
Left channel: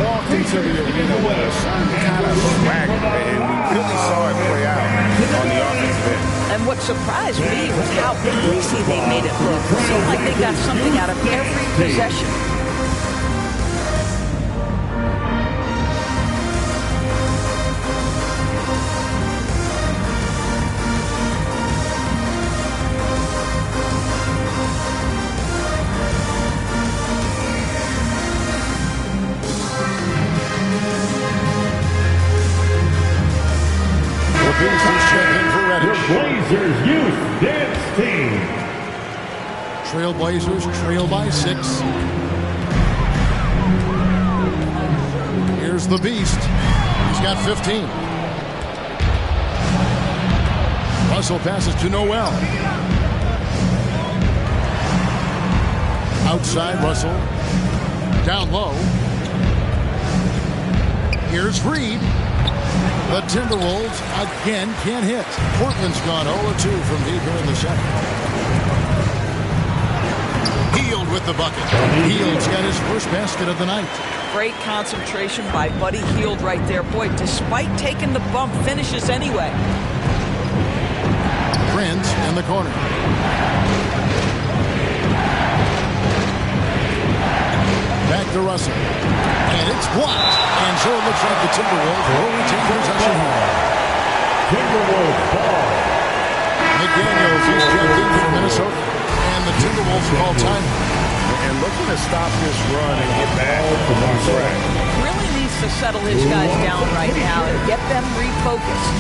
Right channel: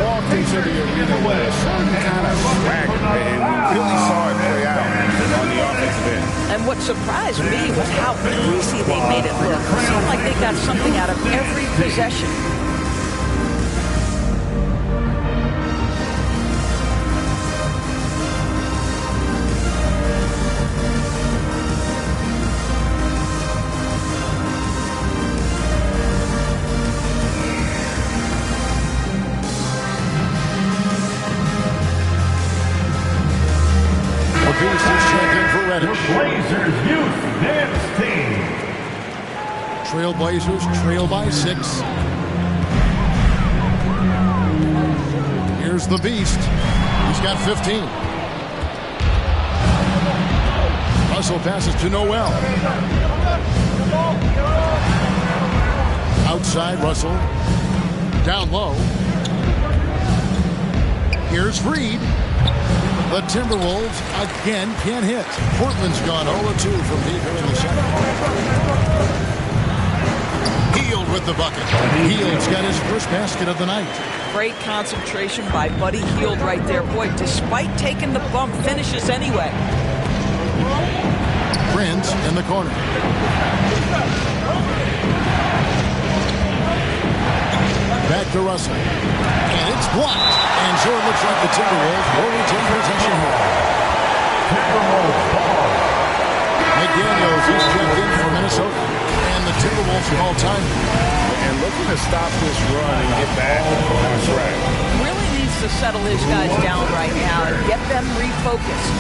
walked into the arena with a certain kind of swagger, and we really saw it play out on the offensive end. And what surprised me was how easy they made it look. It seemed like they got something out of every possession. Beast is checking for Reddish. Blazers Youth Dance Team. Trailblazers trail by 6. Here's the Beast. He's got 15. Russell passes to Noel. Outside Russell. Down low. Here's Reed. The Timberwolves again can't hit. Portland's gone 0-2 from deep here in the second. Hield with the bucket. Hield's got his first basket of the night. Great concentration by Buddy Hield right there. Boy, despite taking the bump, finishes anyway. Prince in the corner. Back to Russell. And it's blocked. And so it looks like the Timberwolves will retain possession here. Timberwolves ball. McDaniels is checked in for Minnesota. And the Timberwolves call time. And looking to stop this run and get back on track. Really needs to settle his guys down right now and get them refocused.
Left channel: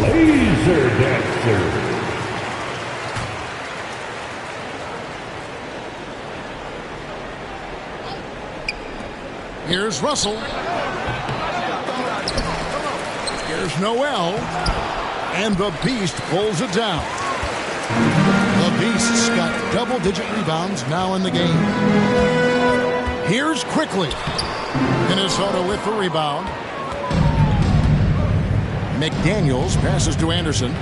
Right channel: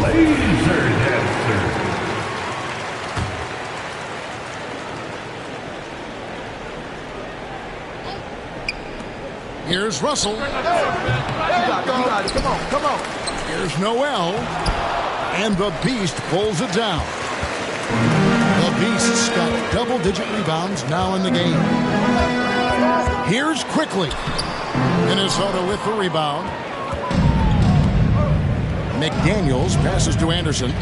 Laser Dancer. Here's Russell. Come on. Here's Noel. And the Beast pulls it down. The Beast's got double-digit rebounds now in the game. Here's Quickly. Minnesota with the rebound. McDaniels passes to Anderson.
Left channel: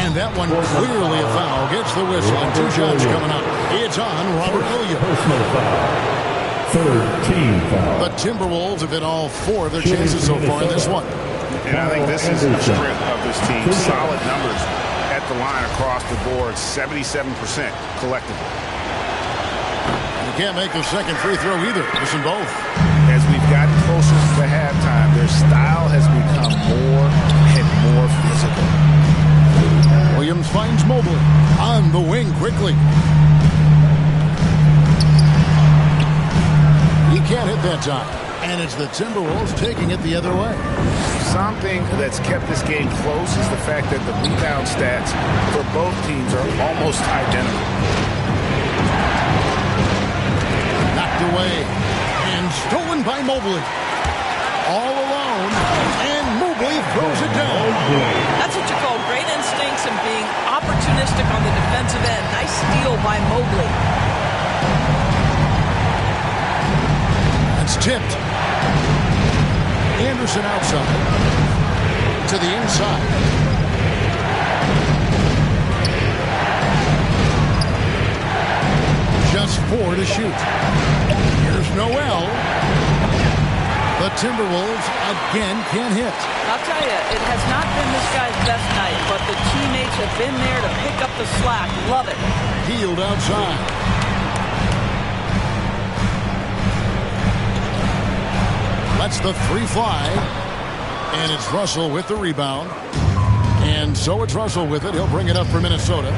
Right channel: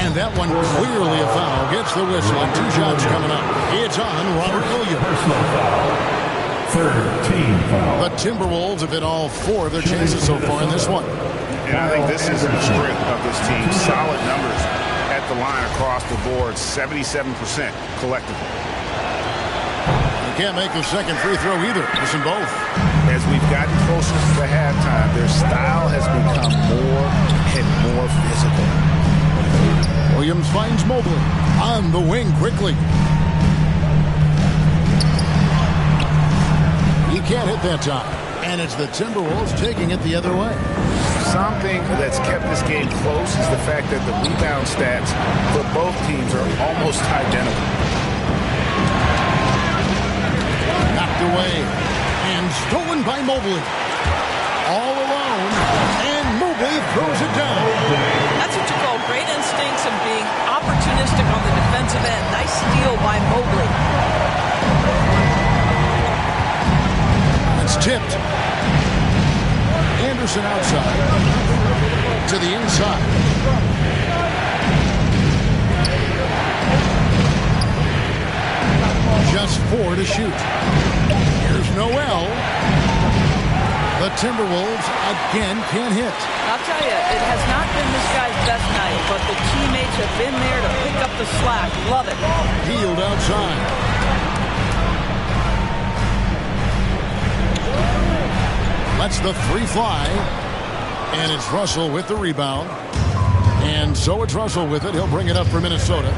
And that one clearly a foul. Gets the whistle and 2 shots coming up. It's on Robert Williams. Personal foul. Third team foul. The Timberwolves have hit all 4 of their chances so far in this one. And I think this is the strength of this team. Solid numbers at the line across the board. 77% collectively. They can't make a second free throw either. Missing both. As we've gotten closer to halftime, their style has become more and more physical. Williams finds Mobley on the wing quickly. He can't hit that time. And it's the Timberwolves taking it the other way. Something that's kept this game close is the fact that the rebound stats for both teams are almost identical. Knocked away. And stolen by Mobley. All alone. And Mobley throws it down. That's what you call great instincts and being opportunistic on the defensive end. Nice steal by Mobley. It's tipped. Anderson outside. To the inside. Just 4 to shoot. Here's Noel. The Timberwolves again can't hit. I'll tell you, it has not been this guy's best night, but the teammates have been there to pick up the slack. Love it. Healed outside. Lets the 3 fly. And it's Russell with the rebound. And so it's Russell with it. He'll bring it up for Minnesota.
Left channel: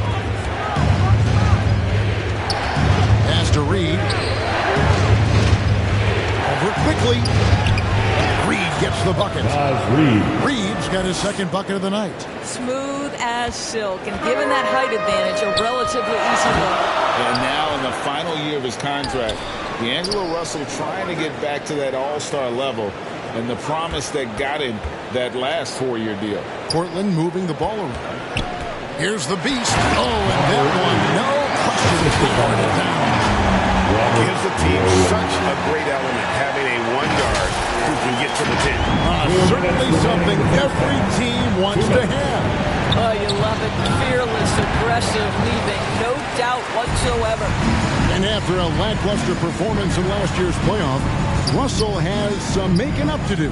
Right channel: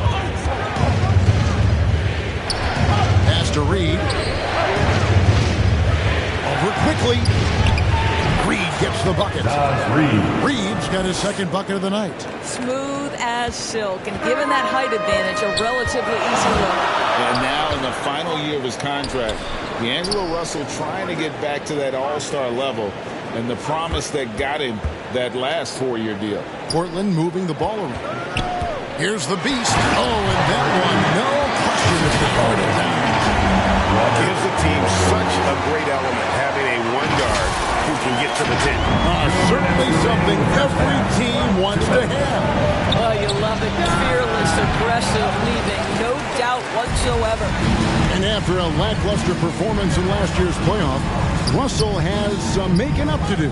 Pass to Reed. Over quickly. Reed gets the bucket. Reed's got his second bucket of the night. Smooth as silk, and given that height advantage, a relatively easy look. And now in the final year of his contract, D'Angelo Russell trying to get back to that all-star level and the promise that got him that last 4-year deal. Portland moving the ball around. Here's the beast. Oh, and that one, no question, powered it down. Gives the team such a great element having a one guard who can get to the 10. Certainly something every team wants to have. Oh, you love it. Fearless, aggressive, leaving. No doubt whatsoever. And after a lackluster performance in last year's playoff, Russell has some making up to do.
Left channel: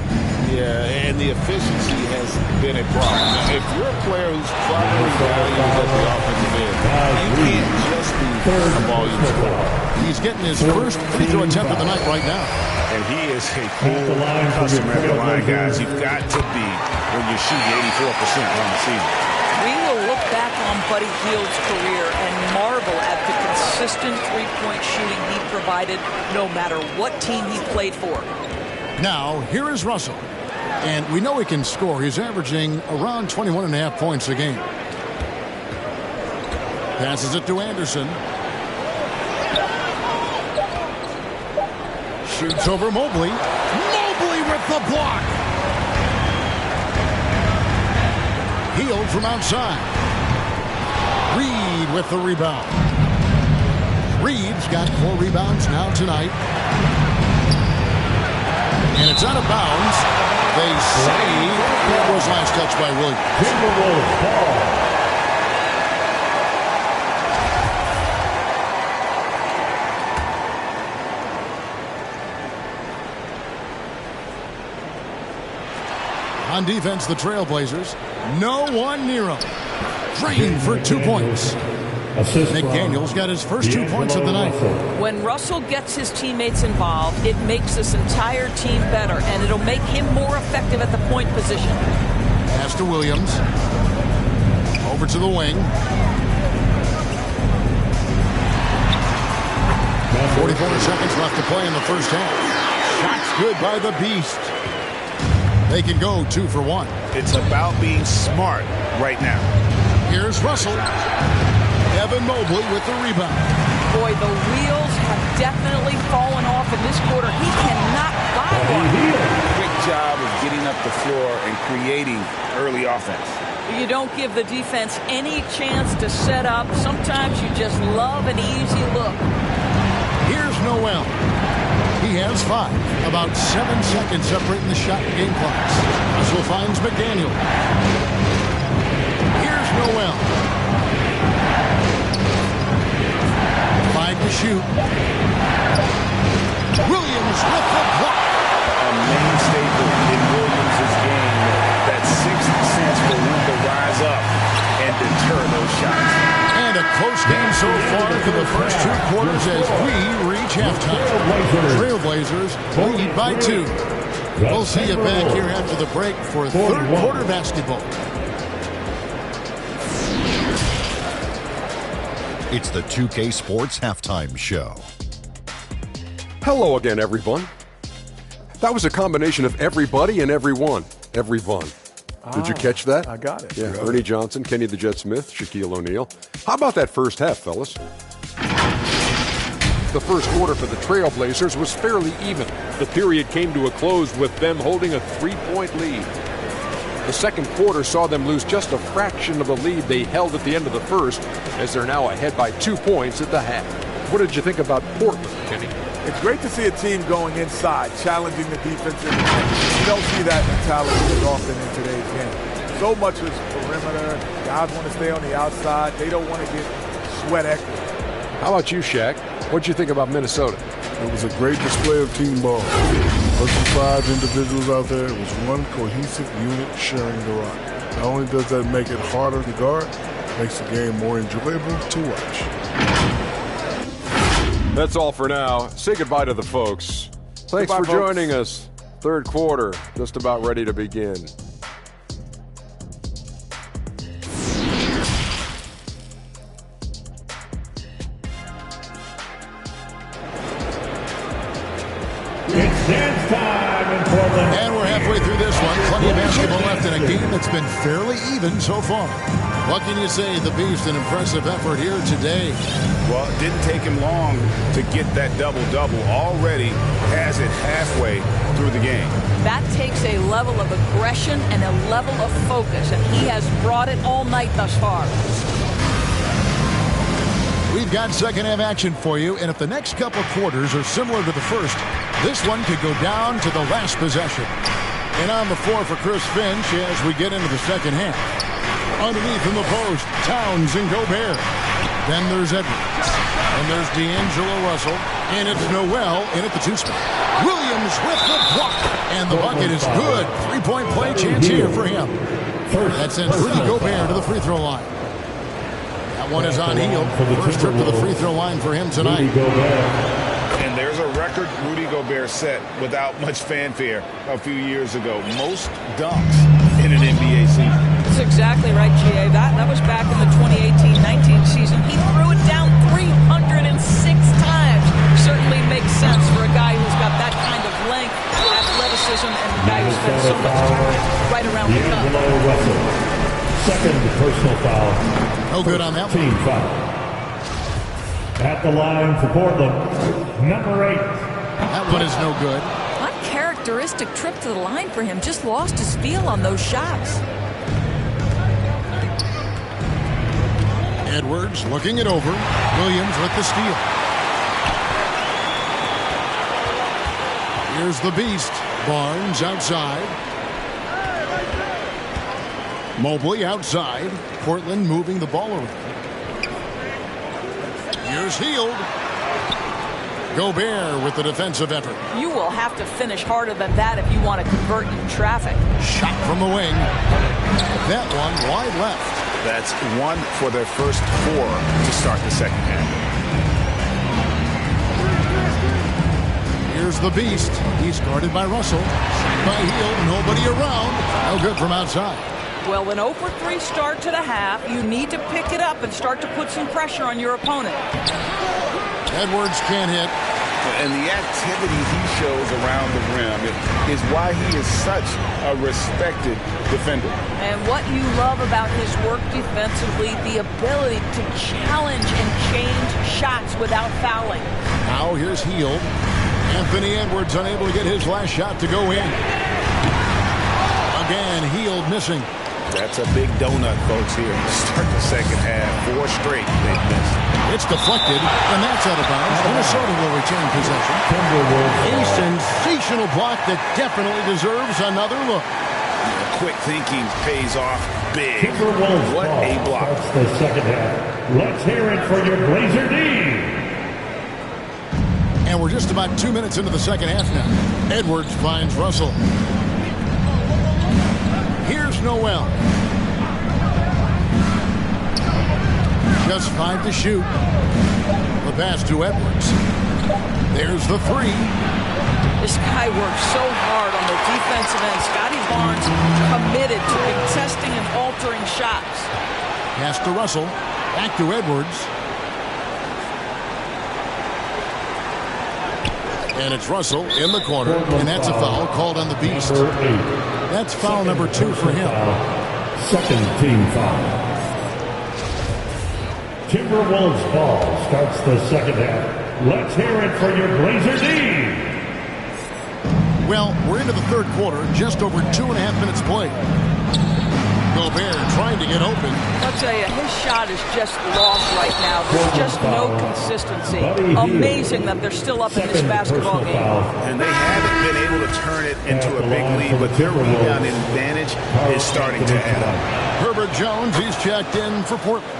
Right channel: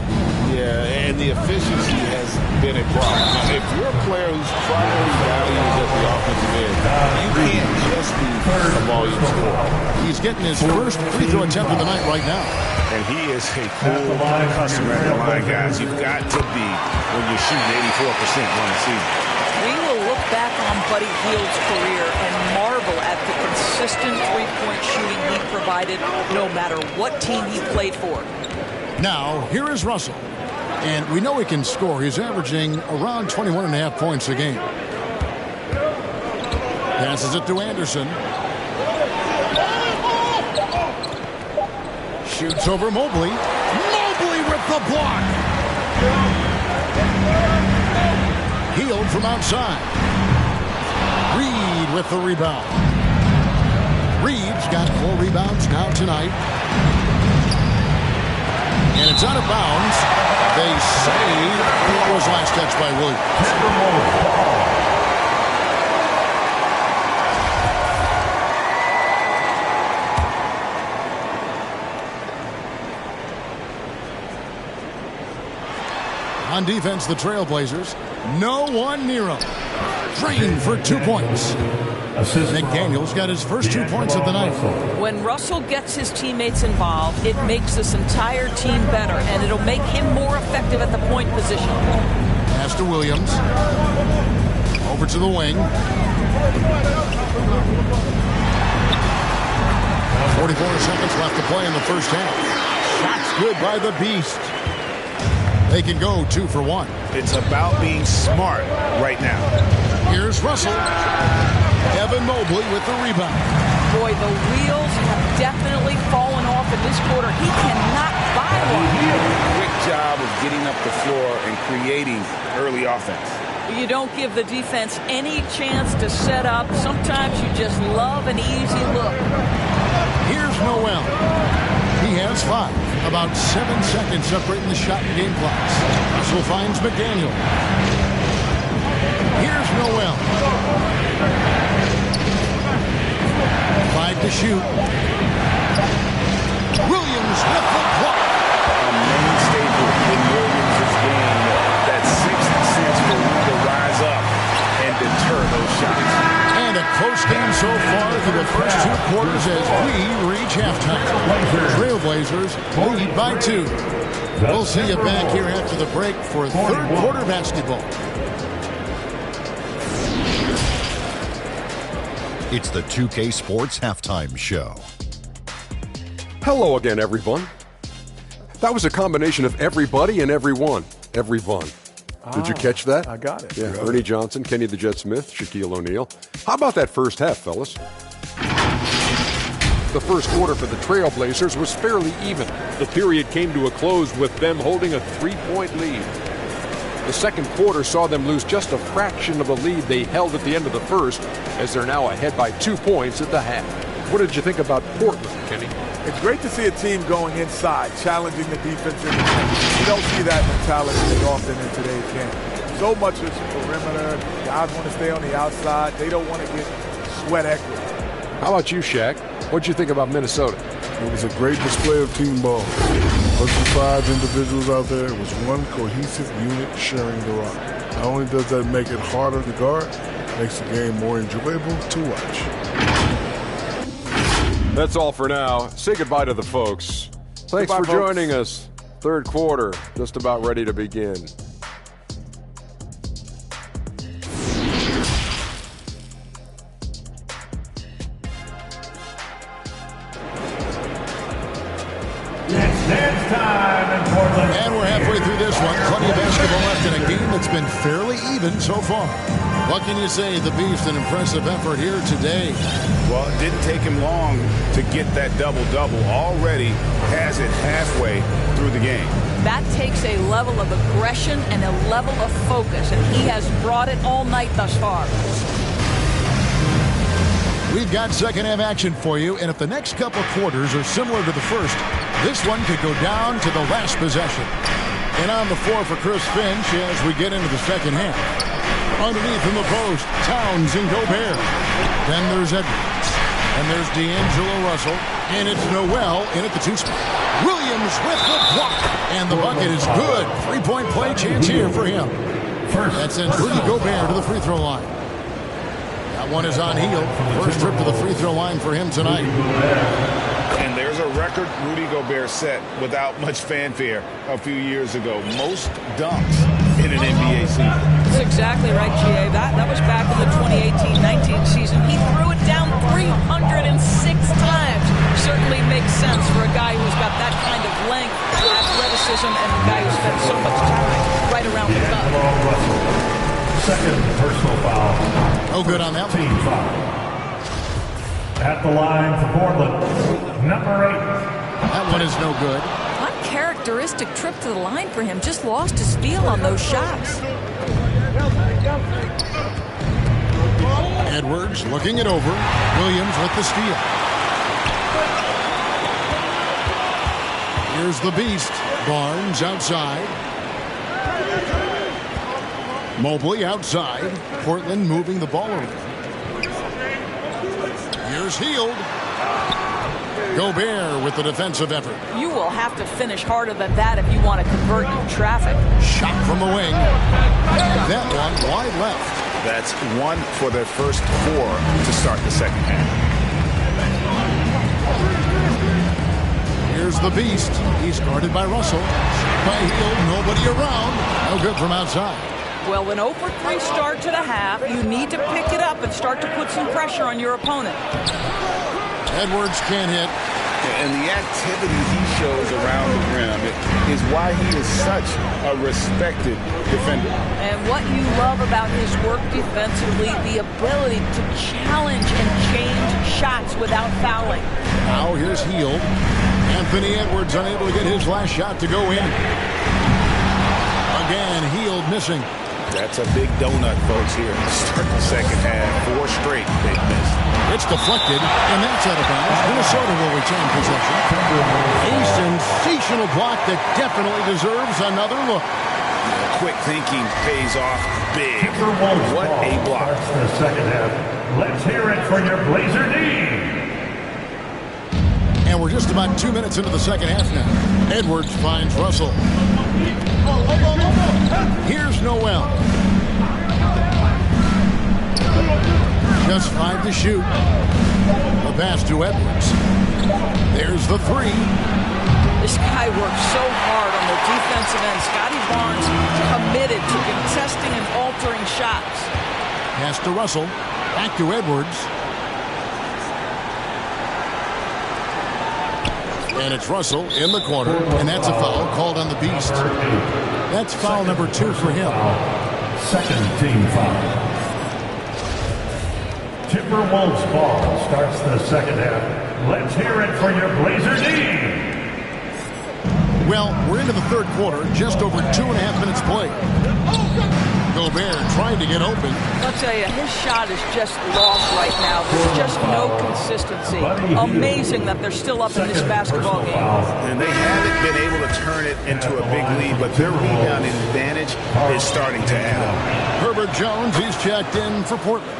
Yeah, and the efficiency has been a problem. Now, if you're a player whose primary value is at the offensive end, you can't just be a volume scorer. He's getting his first free throw attempt of the night right now. And he is a cool customer at the line, guys. You've got to be when you're shooting 84% on the season. We will look back on Buddy Hield's career and marvel at the consistent three-point shooting he provided no matter what team he played for. Now, here is Russell. And we know he can score. He's averaging around 21.5 points a game. Passes it to Anderson. Shoots over Mobley. Mobley with the block. Hield from outside. Reed with the rebound. Reed's got 4 rebounds now tonight. And it's out of bounds. They say it was last touched by Williams. Timberwolves ball. On defense, the Trailblazers. No one near him. Drained for 2 points. McDaniel's got his first 2 points of the night. When Russell gets his teammates involved, it makes this entire team better, and it'll make him more effective at the point position. Pass to Williams. Over to the wing. 44 seconds left to play in the first half. Shots good by the Beast. They can go 2 for 1. It's about being smart right now. Here's Russell. Evan Mobley with the rebound. Boy, the wheels have definitely fallen off in this quarter. He cannot buy one. Quick job of getting up the floor and creating early offense. You don't give the defense any chance to set up. Sometimes you just love an easy look. Here's Noel. He has 5. About 7 seconds separating the shot and game clocks. Russell finds McDaniel. Here's Noel. 5 to shoot. Williams with the block. A main staple in Williams' game. That 6th sense for when to rise up and deter those shots. And a close game so far for the first 2 quarters as we reach halftime. Trailblazers lead by 2. We'll see you back here after the break for third quarter basketball. It's the 2K Sports Halftime Show. Hello again, everyone. That was a combination of everybody and everyone. Everyone. Did you catch that? I got it. Yeah, Ernie Johnson, Kenny the Jet Smith, Shaquille O'Neal. How about that first half, fellas? The first quarter for the Trailblazers was fairly even. The period came to a close with them holding a 3-point lead. The second quarter saw them lose just a fraction of the lead they held at the end of the first, as they're now ahead by 2 points at the half. What did you think about Portland, Kenny? It's great to see a team going inside, challenging the defense in the paint. You don't see that mentality as often in today's game. So much is perimeter. Guys want to stay on the outside. They don't want to get sweat equity. How about you, Shaq? What'd you think about Minnesota? It was a great display of team ball. Wasn't 5 individuals out there. It was one cohesive unit sharing the rock. Not only does that make it harder to guard, it makes the game more enjoyable to watch. That's all for now. Say goodbye to the folks. Thanks for joining us. Third quarter, just about ready to begin. It's dance time in Portland. And we're halfway through this one. Plenty of basketball left in a game that's been fairly even so far. What can you say? The Beast, an impressive effort here today. Well, it didn't take him long to get that double-double. Already has it halfway through the game. That takes a level of aggression and a level of focus, and he has brought it all night thus far. We've got second half action for you, and if the next couple quarters are similar to the first, this one could go down to the last possession. And on the floor for Chris Finch as we get into the second half. Underneath in the post, Towns and Gobert. Then there's Edwards. And there's D'Angelo Russell. And it's Noel in at the 2 spot. Williams with the block. And the bucket is good. 3-point play chance here for him. That sends Rudy Gobert to the free throw line. That one is on Hield. First trip to the free throw line for him tonight. And there's a record Rudy Gobert set without much fanfare a few years ago. Most dunks in an NBA season. That's exactly right, G.A. That was back in the 2018-19 season. He threw it down 306 times. Certainly makes sense for a guy who's got that kind of length, athleticism, and a guy who spends so much time right around the cup. Second personal foul. No good on that one. Team foul. At the line for Portland, number 8. That one is no good. Uncharacteristic trip to the line for him. Just lost his feel on those shots. Edwards looking it over. Williams with the steal. Here's the Beast. Barnes outside. Mobley outside. Portland moving the ball around. Here's Hield. Gobert with the defensive effort. You will have to finish harder than that if you want to convert in traffic. Shot from the wing. That one wide left. That's 1 for their first 4 to start the second half. Here's the Beast. He's guarded by Russell. Shot by Hield. Nobody around. No good from outside. Well, an 0 for 3 start to the half. You need to pick it up and start to put some pressure on your opponent. Edwards can't hit. And the activity he shows around the rim is why he is such a respected defender. And what you love about his work defensively, the ability to challenge and change shots without fouling. Now here's Hield. Anthony Edwards unable to get his last shot to go in. Again, Hield missing. That's a big donut, folks, here. Start the second half. 4 straight they've missed. It's deflected, and that's out of bounds. Minnesota will retain possession. A sensational block that definitely deserves another look. Yeah, quick thinking pays off big. What a block. Starts the second half. Let's hear it for your Blazer D. And we're just about 2 minutes into the second half now. Edwards finds Russell. Here's Noel. Just 5 to shoot. The pass to Edwards. There's the 3. This guy works so hard on the defensive end. Scotty Barnes committed to contesting and altering shots. Pass to Russell. Back to Edwards. And it's Russell in the corner. And that's a foul called on the Beast. That's foul number 2 for him. Second team foul. Timberwolves ball starts the second half. Let's hear it for your Blazer D. Well, we're into the third quarter, just over 2.5 minutes played. Gobert trying to get open. I'll tell you, his shot is just lost right now. There's just no consistency. Amazing that they're still up in this basketball game. And they haven't been able to turn it into a big lead, but their rebounding advantage is starting to add up. Herbert Jones, he's checked in for Portland.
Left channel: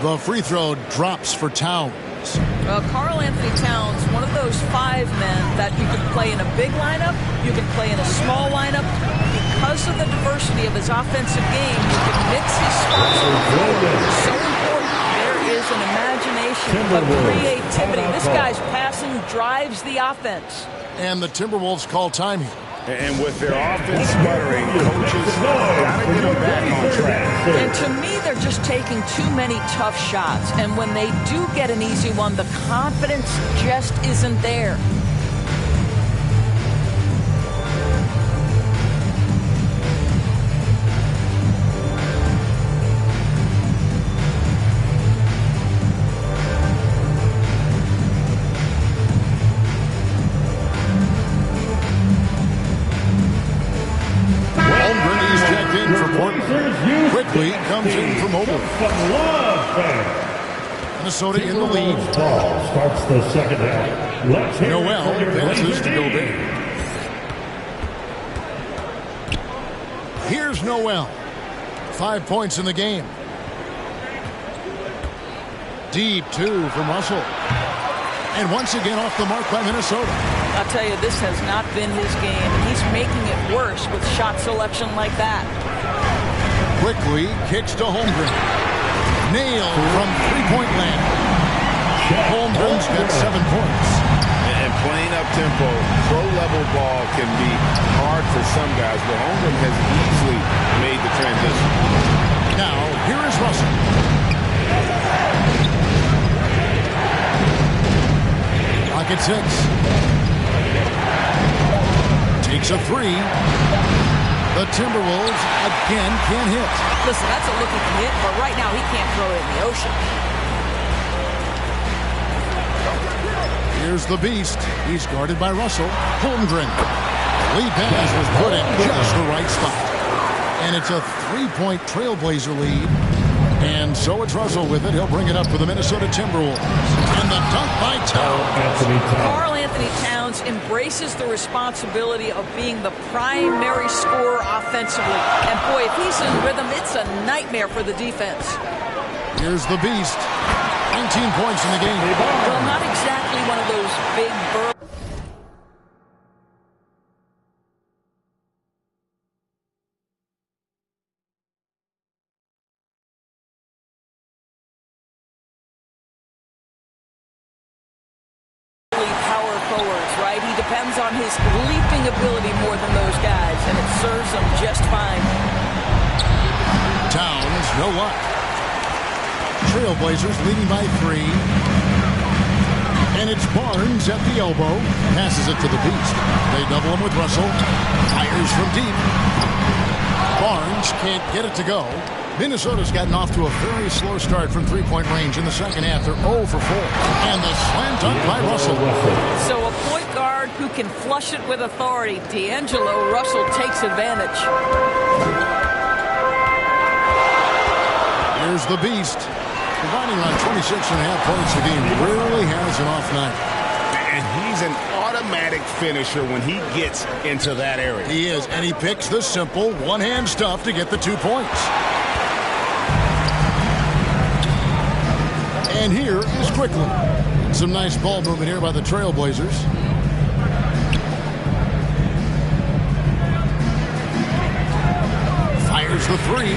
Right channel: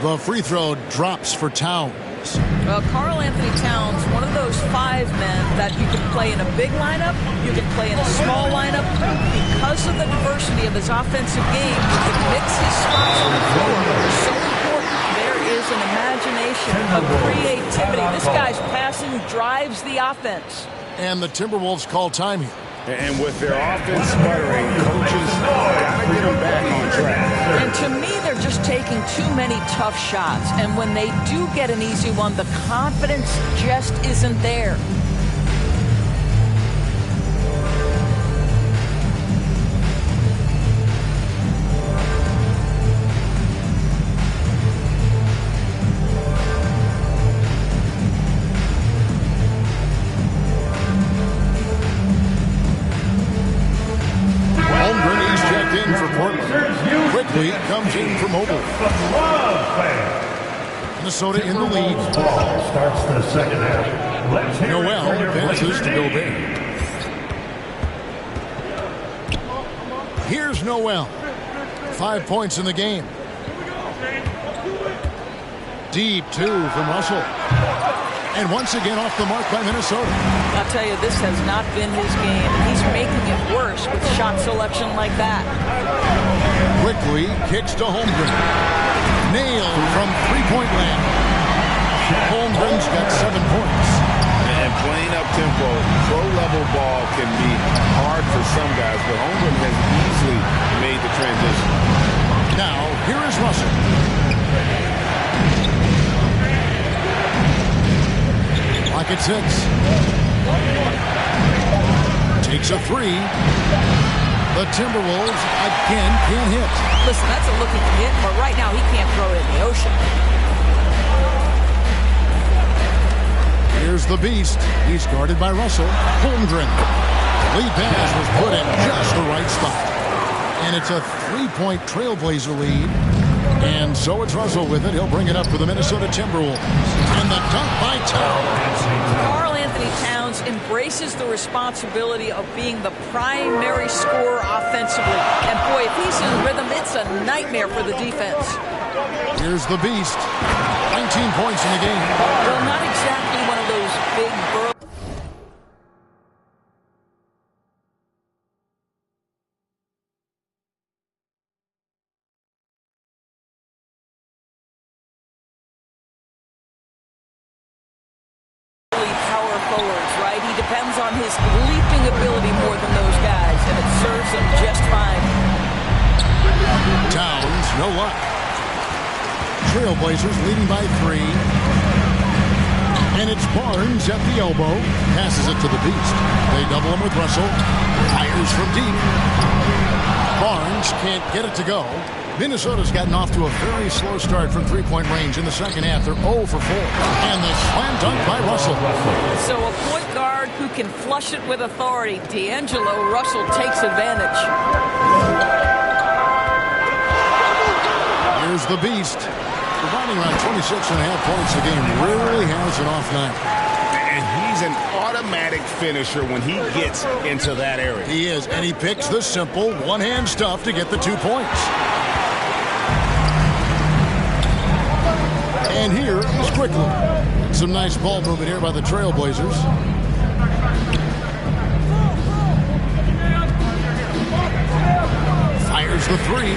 The free throw drops for Towns. Towns. Karl Anthony Towns, one of those 5 men that you can play in a big lineup, you can play in a small lineup. Because of the diversity of his offensive game, you can mix his spots on the floor. So important. There is an imagination of creativity. This guy's passing drives the offense. And the Timberwolves call time here. And with their offense sputtering, coaches got to get them back on track. And to me, they're just taking too many tough shots. And when they do get an easy one, the confidence just isn't there. Holmgren is checked in for Portland. Quickly comes in for Mobley. Minnesota in the lead. Ball starts the second half. Noel passes to Gobert. Here's Noel. 5 points in the game. Deep 2 from Russell. And once again off the mark by Minnesota. I'll tell you, this has not been his game, and he's making it worse with shot selection like that. Quickly kicks to Holmgren. Nailed from three-point land. Holmgren's got 7 points. And playing up-tempo, pro-level ball can be hard for some guys, but Holmgren has easily made the transition. Now, here is Russell. Clock at 6. Takes a 3. The Timberwolves again can't hit. Listen, that's a look he can hit, but right now he can't throw it in the ocean. Here's the beast. He's guarded by Russell. Holmgren. The lead pass was put in just the right spot. And it's a 3-point Trailblazer lead. And so it's Russell with it. He'll bring it up for the Minnesota Timberwolves. And the dunk by Towns. Karl Anthony Towns embraces the responsibility of being the primary scorer offensively. And boy, if he's in rhythm, it's a nightmare for the defense. Here's the beast. 19 points in the game. Well, not exactly one of those big burly. Power forwards, right? He depends on his leaping ability more than those guys, and it serves him just fine. Towns, no luck. Trailblazers leading by 3. And it's Barnes at the elbow. Passes it to the beast. They double him with Russell. Fires from deep. Barnes can't get it to go. Minnesota's gotten off to a very slow start from three-point range in the second half. They're 0 for 4. And the slam dunk by Russell. So a point guard who can flush it with authority. D'Angelo Russell takes advantage. Here's the beast. Providing around 26.5 points a game. Rarely has an off night. And he's an automatic finisher when he gets into that area. He is, and he picks the simple one-hand stuff to get the 2 points. And here is Quickly. Some nice ball movement here by the Trailblazers. Fires the 3.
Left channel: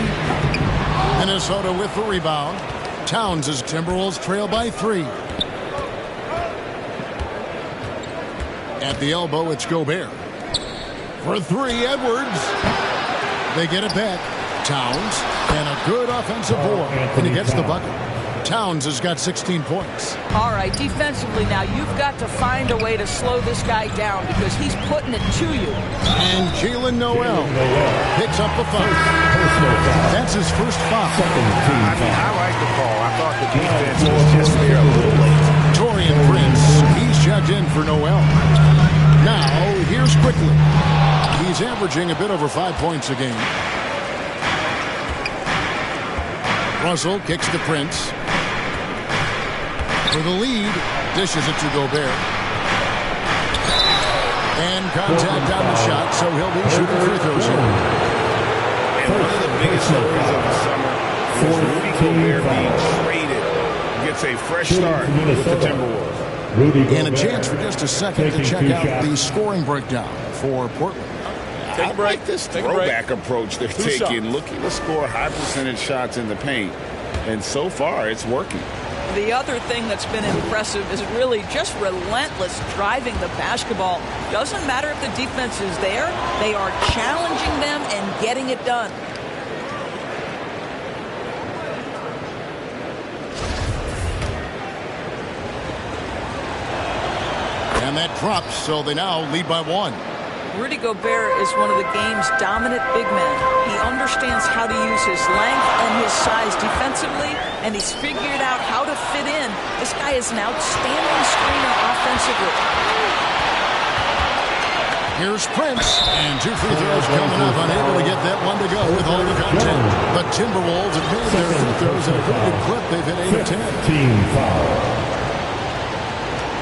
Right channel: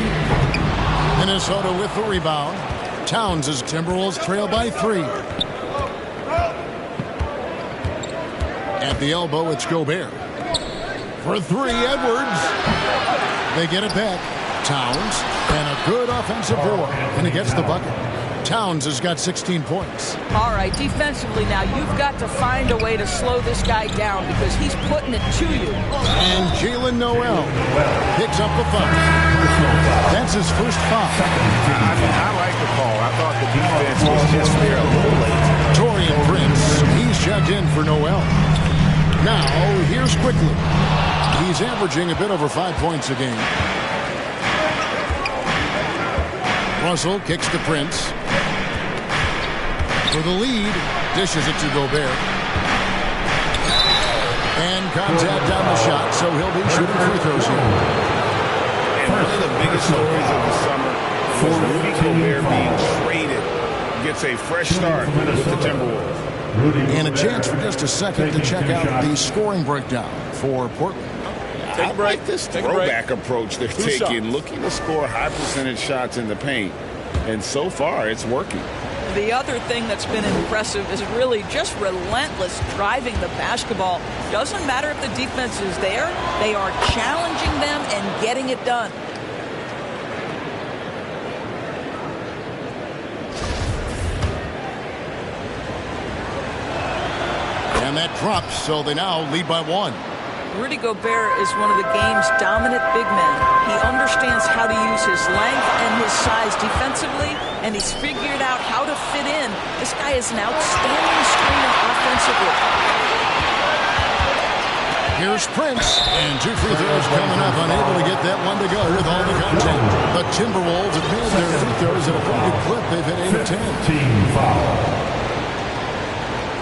Minnesota with the rebound. Towns as Timberwolves trail by 3. At the elbow, it's Gobert. For 3, Edwards. They get it back. Towns, and a good offensive board, and he gets the bucket. Towns has got 16 points. All right, defensively now, you've got to find a way to slow this guy down because he's putting it to you. And Jalen Noel picks up the foul. That's his first foul. I mean, I like the call. I thought the defense was just there a little late. Torian Prince, he's checked in for Noel. Now, here's Quickly. He's averaging a bit over 5 points a game. Russell kicks to Prince. For the lead, dishes it to Gobert. And contact on the shot, so he'll be shooting free throws here. And one of the biggest stories of the summer was Rudy Gobert being traded, gets a fresh start with the Timberwolves. And a chance for just a second to check out the scoring breakdown for Portland. I like this throwback approach they're taking, looking to score high percentage shots in the paint. And so far, it's working. The other thing that's been impressive is really just relentless driving the basketball. Doesn't matter if the defense is there, they are challenging them and getting it done. And that drops, so they now lead by 1. Rudy Gobert is one of the game's dominant big men. He understands how to use his length and his size defensively, and he's figured out how to fit in. This guy is an outstanding screener offensively. Here's Prince, and 2 free throws coming up, unable to get that one to go with all the contact. The Timberwolves have made their free throws at a pretty good clip. They've hit 8 of 10. Team foul.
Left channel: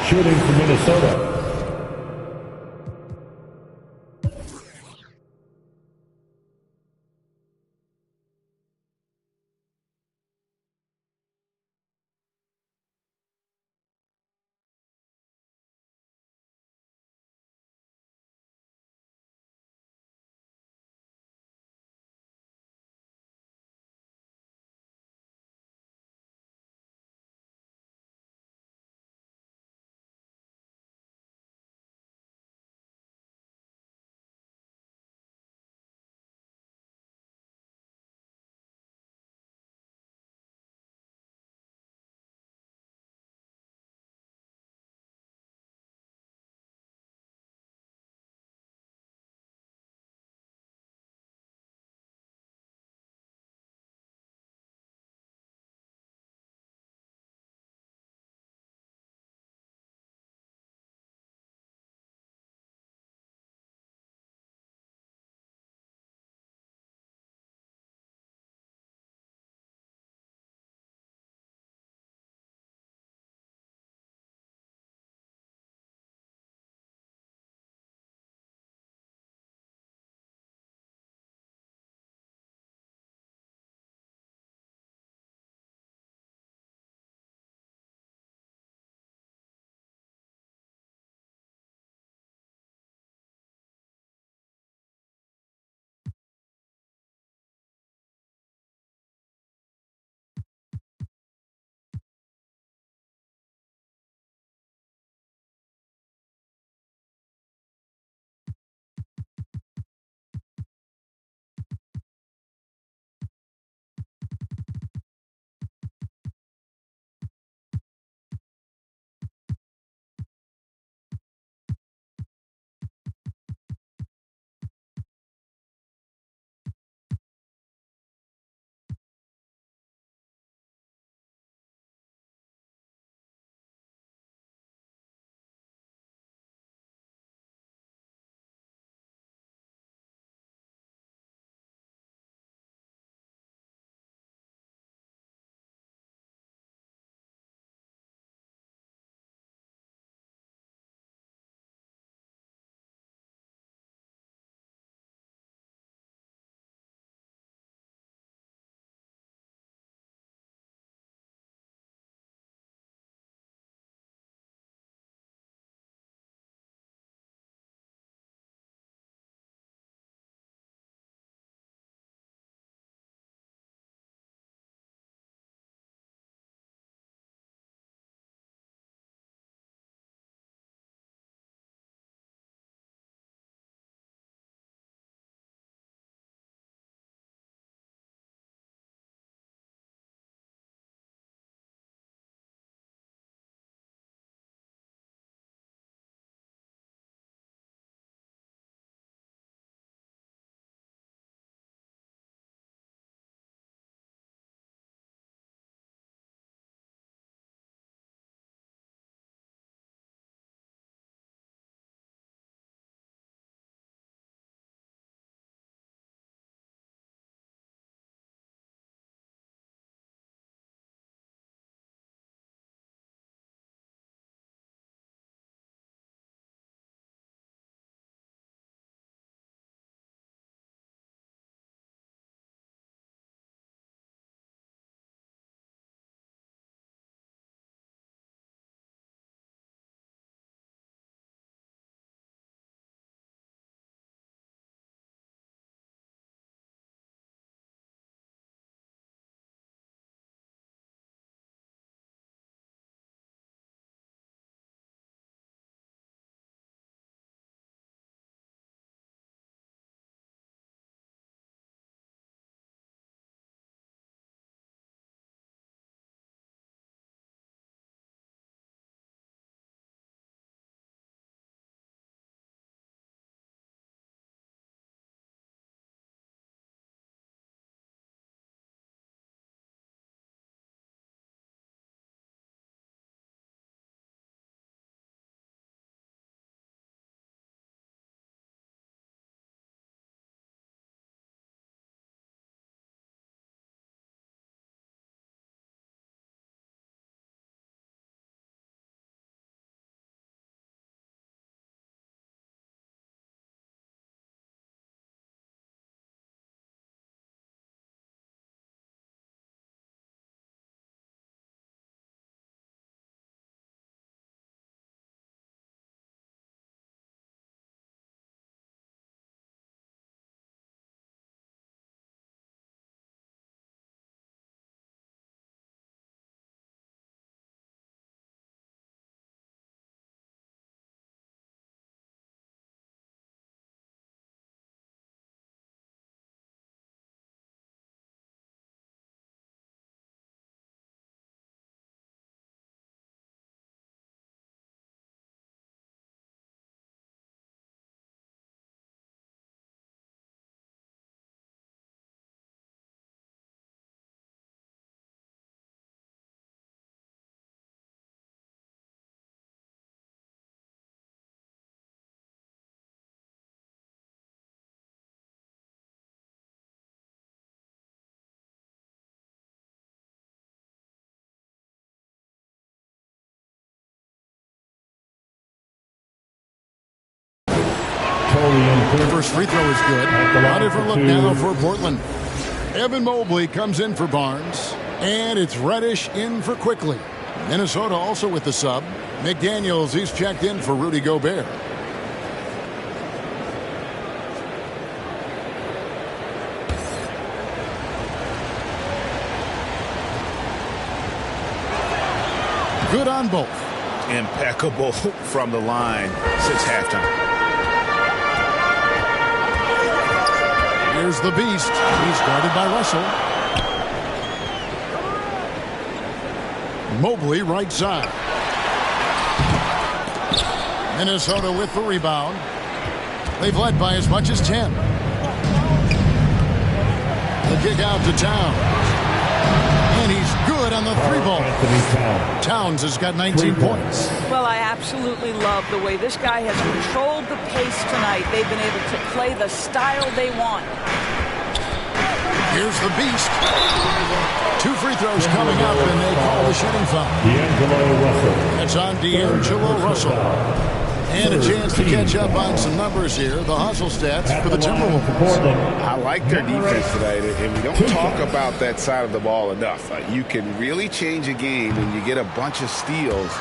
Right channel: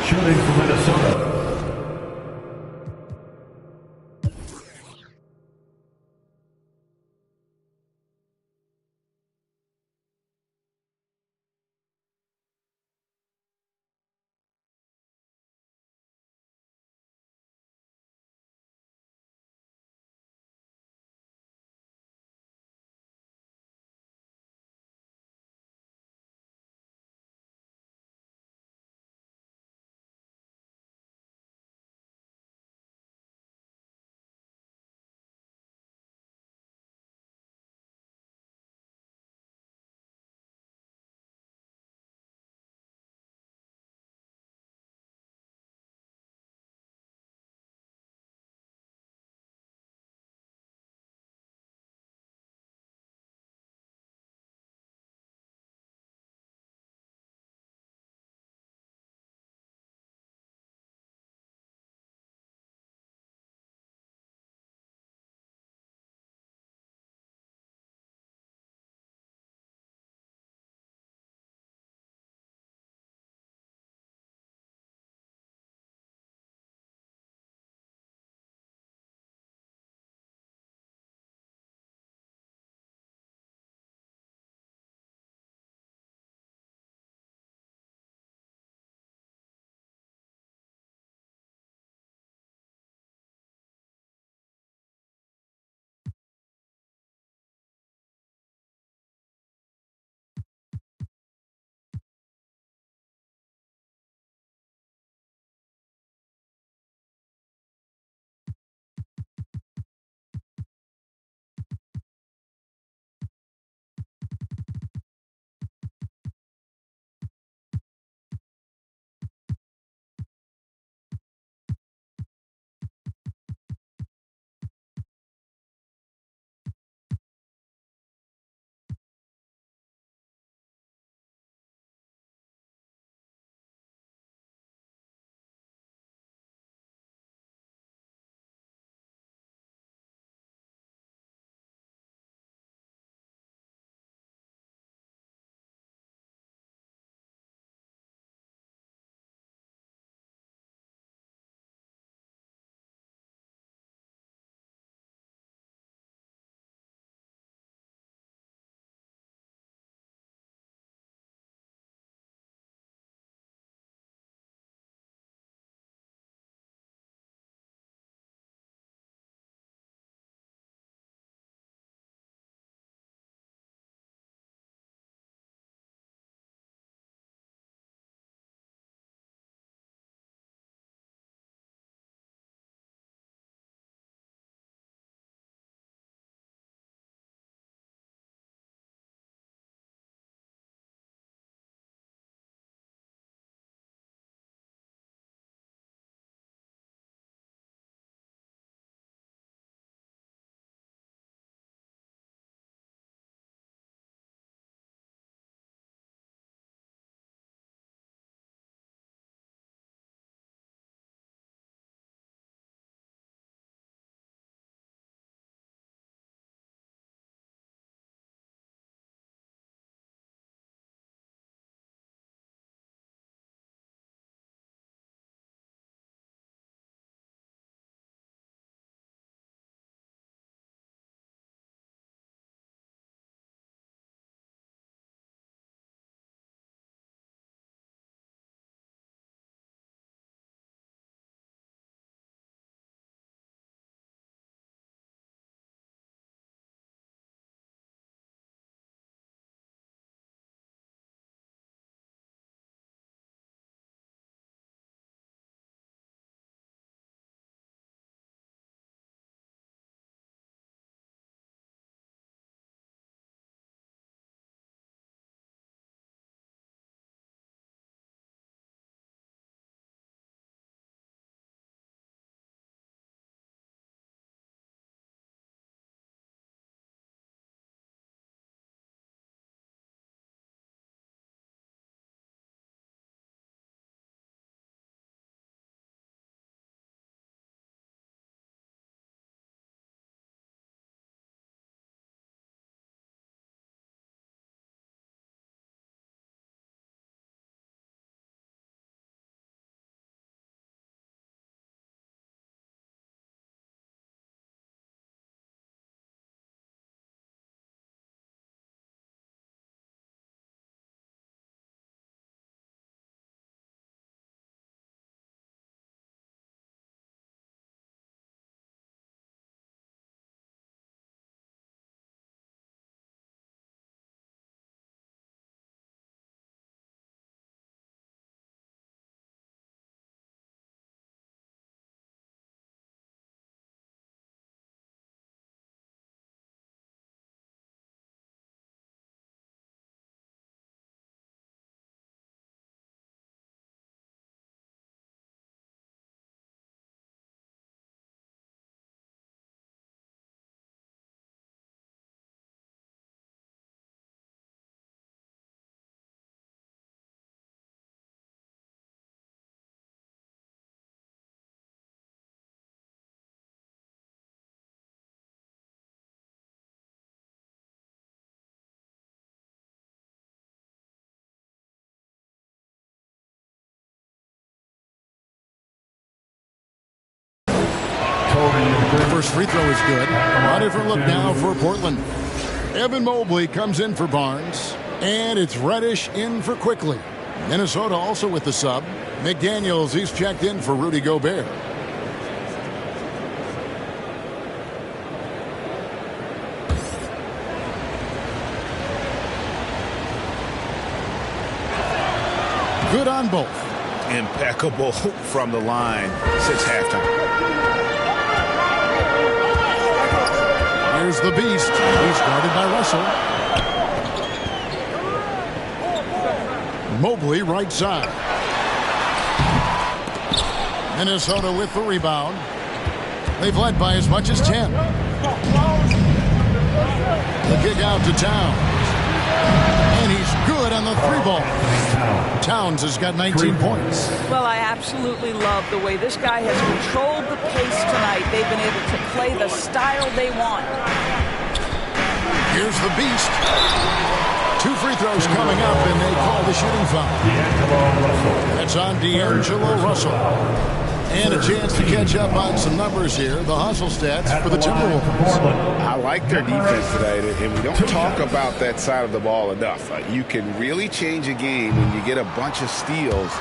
Shooting for Minnesota. first free throw is good. A different look now for Portland. Evan Mobley comes in for Barnes. And it's Reddish in for Quickly. Minnesota also with the sub. McDaniels, he's checked in for Rudy Gobert. Good on both. Impeccable from the line since halftime. Here's the beast. He's guarded by Russell. Mobley right side. Minnesota with the rebound. They've led by as much as 10. The kick out to Towns. And he's good on the three ball. Towns has got 19 points. Well, I absolutely love the way this guy has controlled the pace tonight. They've been able to play the style they want. Here's the beast. 2 free throws coming up, and they call the shooting foul. That's on D'Angelo Russell. And a chance to catch up on some numbers here. The hustle stats for the Timberwolves. I like their defense tonight, and we don't talk about that side of the ball enough. You can really change a game when you get a bunch of steals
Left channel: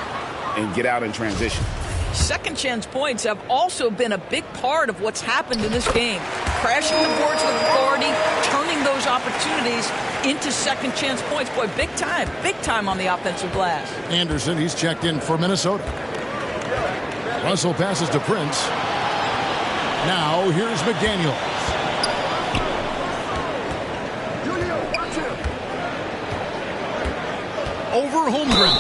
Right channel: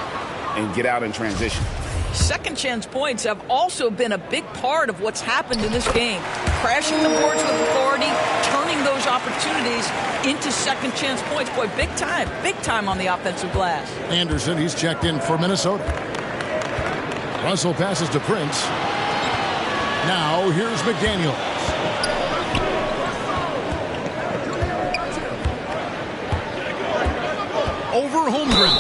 and get out in transition. Second chance points have also been a big part of what's happened in this game. Crashing the boards with authority, turning those opportunities into second chance points. Boy, big time on the offensive glass. Anderson, he's checked in for Minnesota. Russell passes to Prince. Now here's McDaniels. Over Holmgren.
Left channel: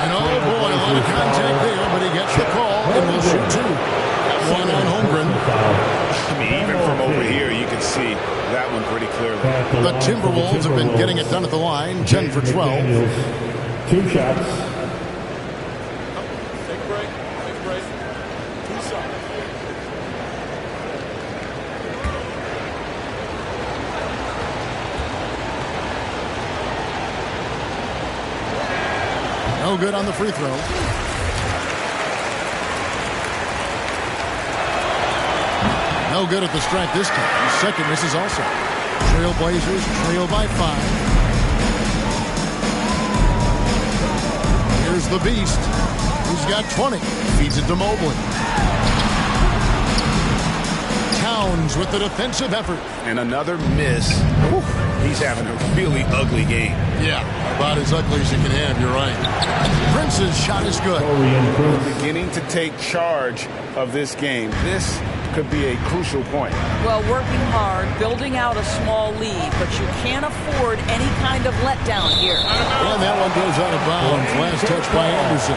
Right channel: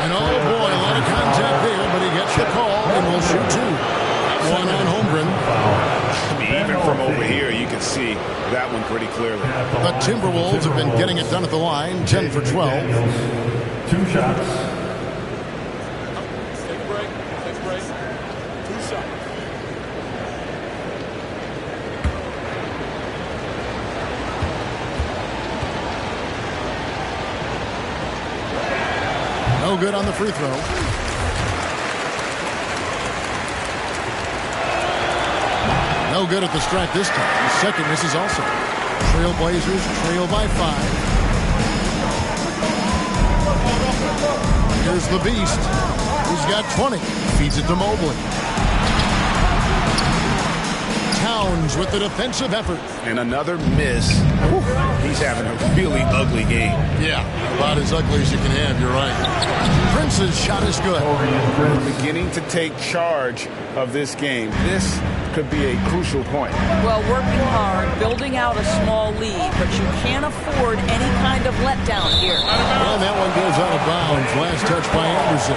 And oh boy, a lot of contact there, but he gets the call and will shoot 2. One on Holmgren. I mean, even from over here, you can see that one pretty clearly. The Timberwolves have been getting it done at the line, 10 for 12. 2 shots. Take a break. 2 shots. No good on the free throw. No good at the stripe this time. The second misses also. Trailblazers trail by 5. Here's the beast. He's got 20. Feeds it to Mobley. Towns with the defensive effort. And another miss. Whew. He's having a really ugly game. Yeah, about as ugly as you can have, you're right. Prince's shot is good. Beginning to take charge of this game. This could be a crucial point. Well, working hard, building out a small lead, but you can't afford any kind of letdown here. And that one goes out of bounds. Last touch by Anderson.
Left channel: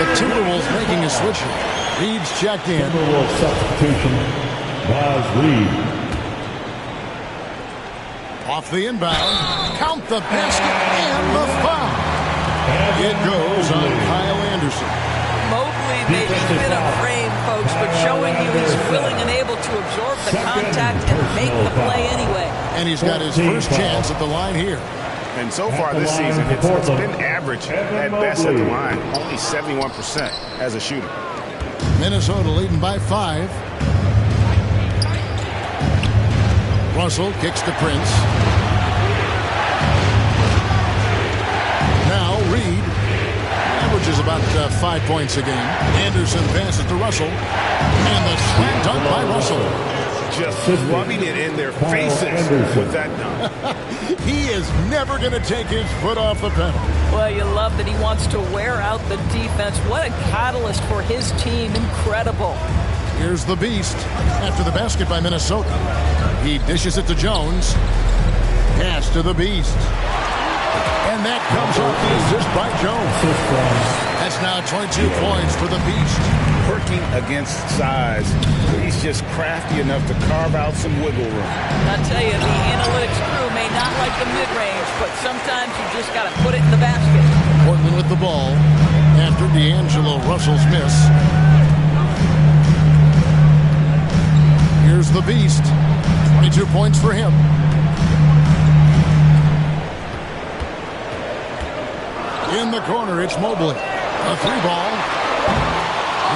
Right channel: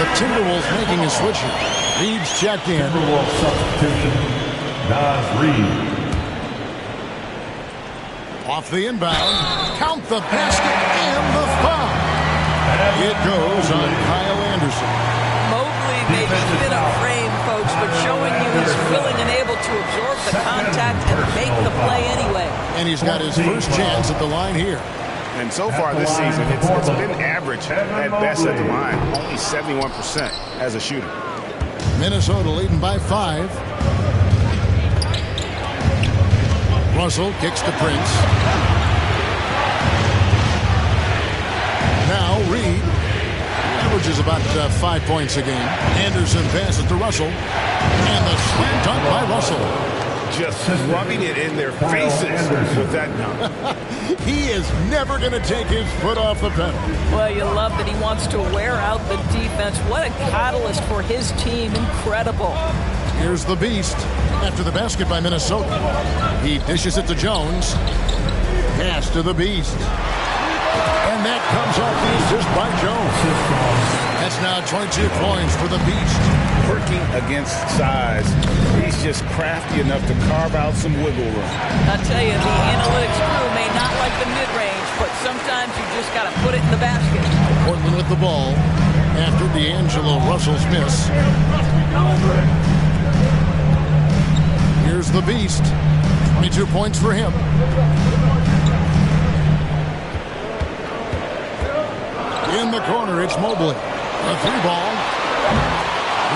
The Timberwolves making a switch here. Reed's checked in. Timberwolves substitution. Nas Reed. Off the inbound. Count the basket and the foul. It goes on Kyle Anderson. Mobley may be thin of frame, folks, but showing you he's willing and able to absorb the contact and make the play anyway. And he's got his first chance at the line here. And so far this season, it's been average at best at the line. Only 71% as a shooter. Minnesota leading by 5. Russell kicks to Prince. Now Reed averages about 5 points a game. Anderson passes to Russell. And the slam dunk by Russell. Just rubbing it in their faces with that dunk. He is never going to take his foot off the pedal. Well, you love that he wants to wear out the defense. What a catalyst for his team. Incredible. Here's the beast after the basket by Minnesota. He dishes it to Jones. Pass to the beast. And that comes off the assist by Jones. That's now 22 points for the beast. Working against size. He's just crafty enough to carve out some wiggle room. I tell you, the analytics crew may not like the mid-range, but sometimes you just got to put it in the basket. Portland with the ball after D'Angelo Russell's miss. Here's the beast. 22 points for him. In the corner, it's Mobley. A 3 ball.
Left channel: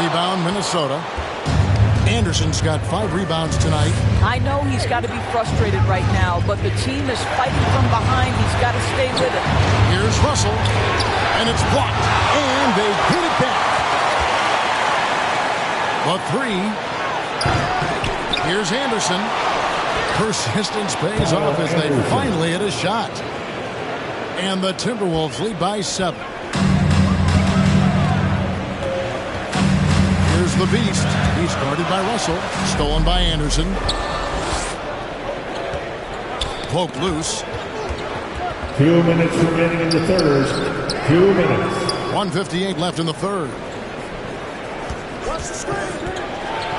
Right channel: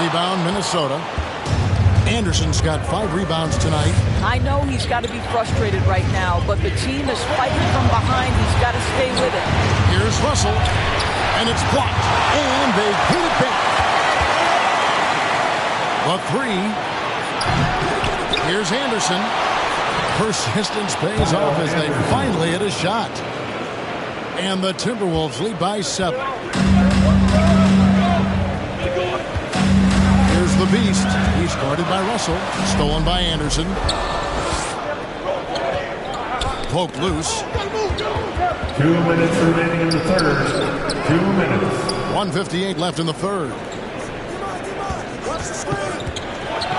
Rebound, Minnesota. Anderson's got 5 rebounds tonight. I know he's got to be frustrated right now, but the team is fighting from behind. He's got to stay with it. Here's Russell, and it's blocked, and they hit it back. The 3. Here's Anderson. Persistence pays off as they finally hit a shot. And the Timberwolves lead by 7. Here's the Beast. He's guarded by Russell. Stolen by Anderson. Poked loose. 2 minutes remaining in the third. 2 minutes. 1:58 left in the third.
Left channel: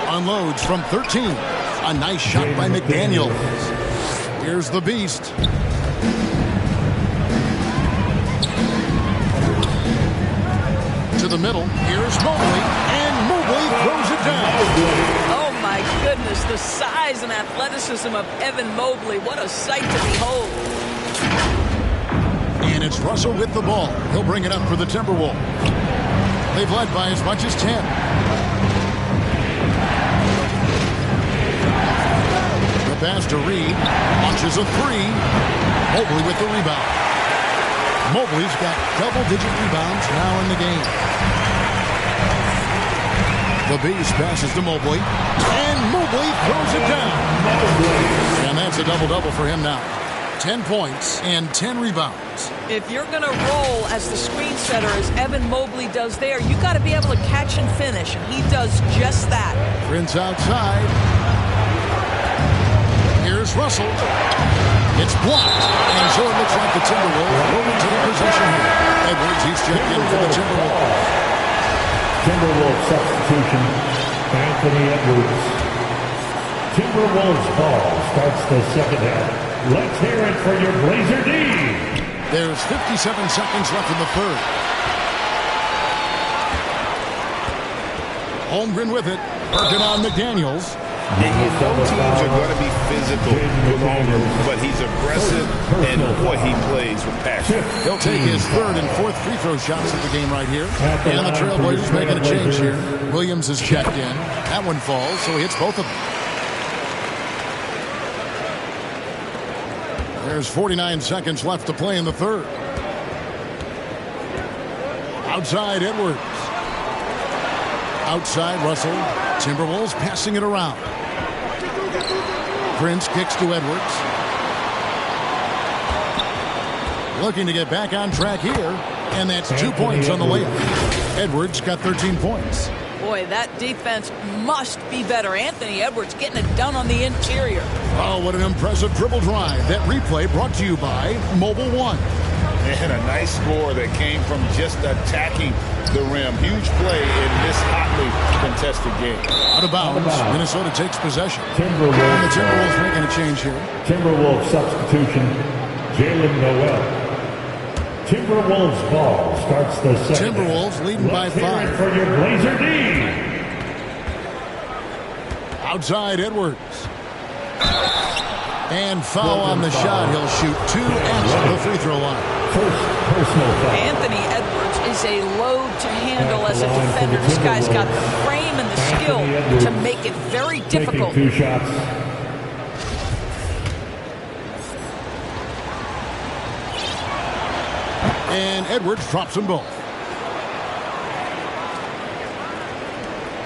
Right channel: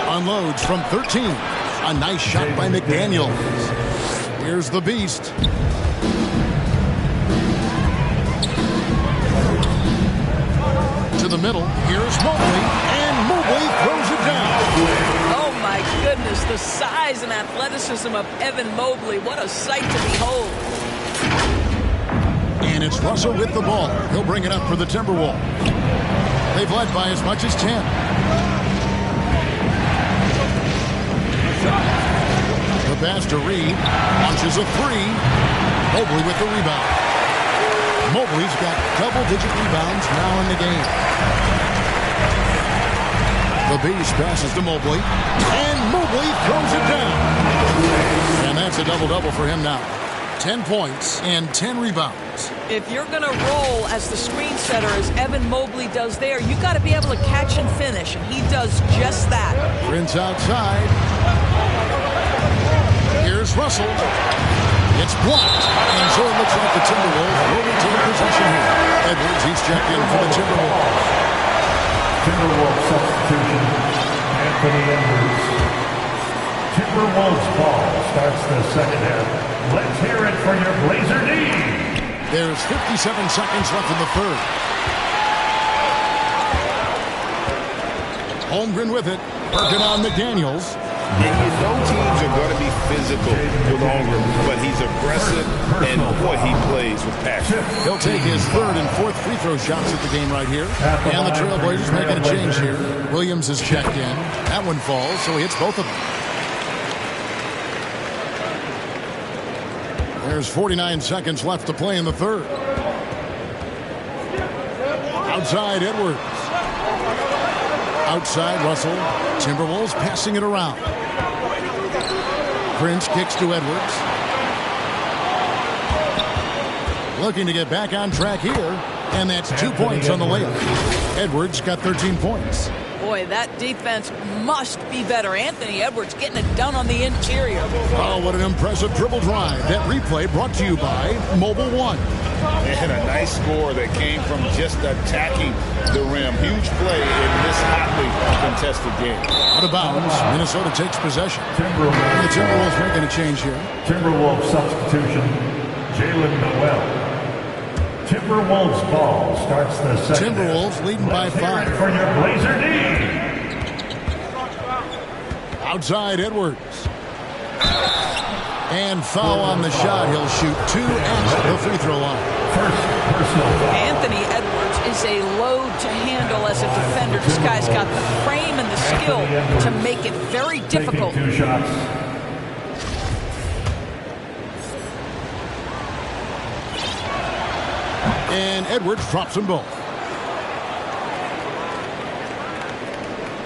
Unloads from 13. A nice shot by McDaniels. Here's the Beast. To the middle. Here's Mobley. And Mobley throws it down. Oh, my goodness. The size and athleticism of Evan Mobley. What a sight to behold. And it's Russell with the ball. He'll bring it up for the Timberwolves. They've led by as much as 10. The pass to Reed. Launches a 3. Mobley with the rebound. Mobley's got double-digit rebounds now in the game. The Beast passes to Mobley. And Mobley throws it down. And that's a double-double for him now. 10 points and 10 rebounds. If you're going to roll as the screen setter as Evan Mobley does there, you've got to be able to catch and finish, and he does just that. Prince outside. Here's Russell. It's blocked. And so it looks like the Timberwolves will retain possession here. Edwards, he's checked in for the Timberwolves. Timberwolves substitution, Anthony Edwards. Timberwolves ball starts the second half. Let's hear it for your Blazer D. There's 57 seconds left in the third. Holmgren with it. Working on McDaniels. And you know teams are going to be physical with Holmgren, but he's aggressive, and boy, he plays with passion. He'll take his third and fourth free throw shots at the game right here. And the Trailblazers making a change here. Williams is checked in. That one falls, so he hits both of them. There's 49 seconds left to play in the third. Outside Edwards. Outside Russell. Timberwolves passing it around. Prince kicks to Edwards. Looking to get back on track here. And that's 2 points on the layup. Edwards got 13 points. Boy, that defense must be better. Anthony Edwards getting it done on the interior. Oh, what an impressive dribble drive. That replay brought to you by Mobile One. And a nice score that came from just attacking the rim. Huge play in this hotly contested game. Out of bounds. Minnesota takes possession. Timberwolves. And the Timberwolves making a change here. Timberwolves substitution, Jalen Noel. Timberwolves ball starts the second. Timberwolves leading by 5. For your Blazer D. Outside Edwards. And foul on the shot. He'll shoot 2 at the free throw line. First personal foul. Anthony Edwards is a load to handle as a defender. This guy's got the frame and the skill to make it very difficult. Taking 2 shots. And Edwards drops them both.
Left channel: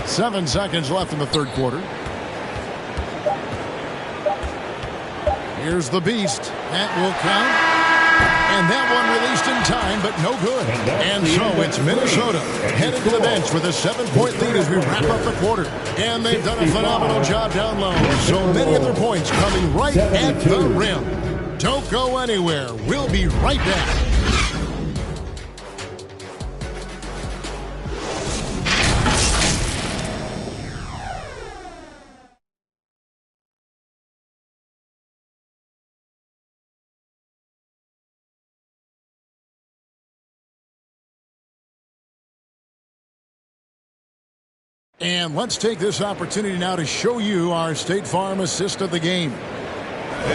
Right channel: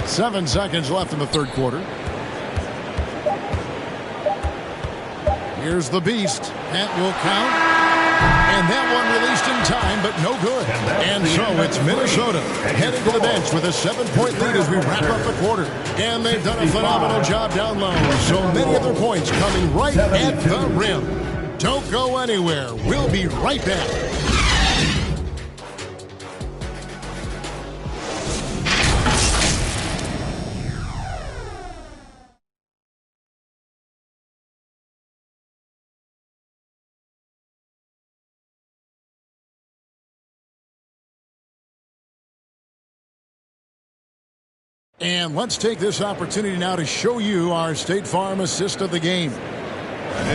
7 seconds left in the third quarter. Here's the Beast. That will count. And that one released in time, but no good. And so it's Minnesota heading to the bench with a 7-point lead as we wrap up the quarter. And they've done a phenomenal job down low. So many of their points coming right at the rim. Don't go anywhere. We'll be right back. And let's take this opportunity now to show you our State Farm assist of the game.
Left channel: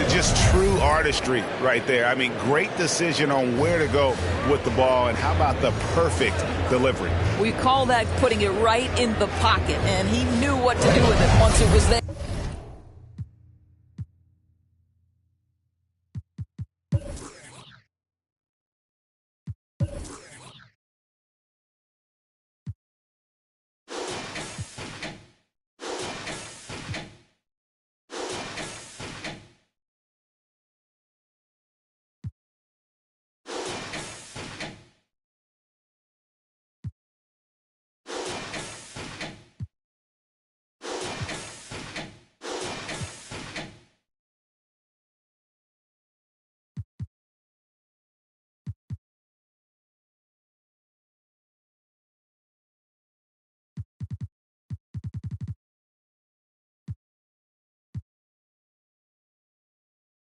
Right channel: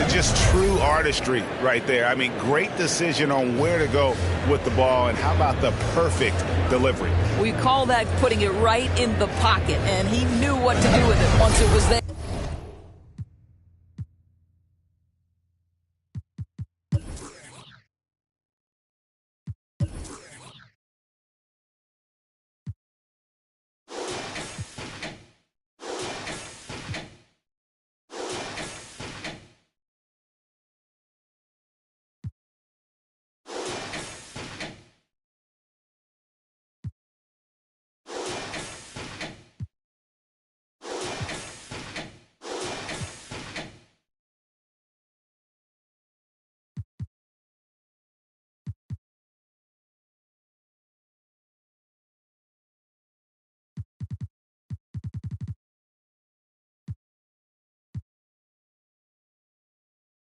just true artistry right there. I mean, great decision on where to go with the ball, and how about the perfect delivery? We call that putting it right in the pocket, and he knew what to do with it once it was there.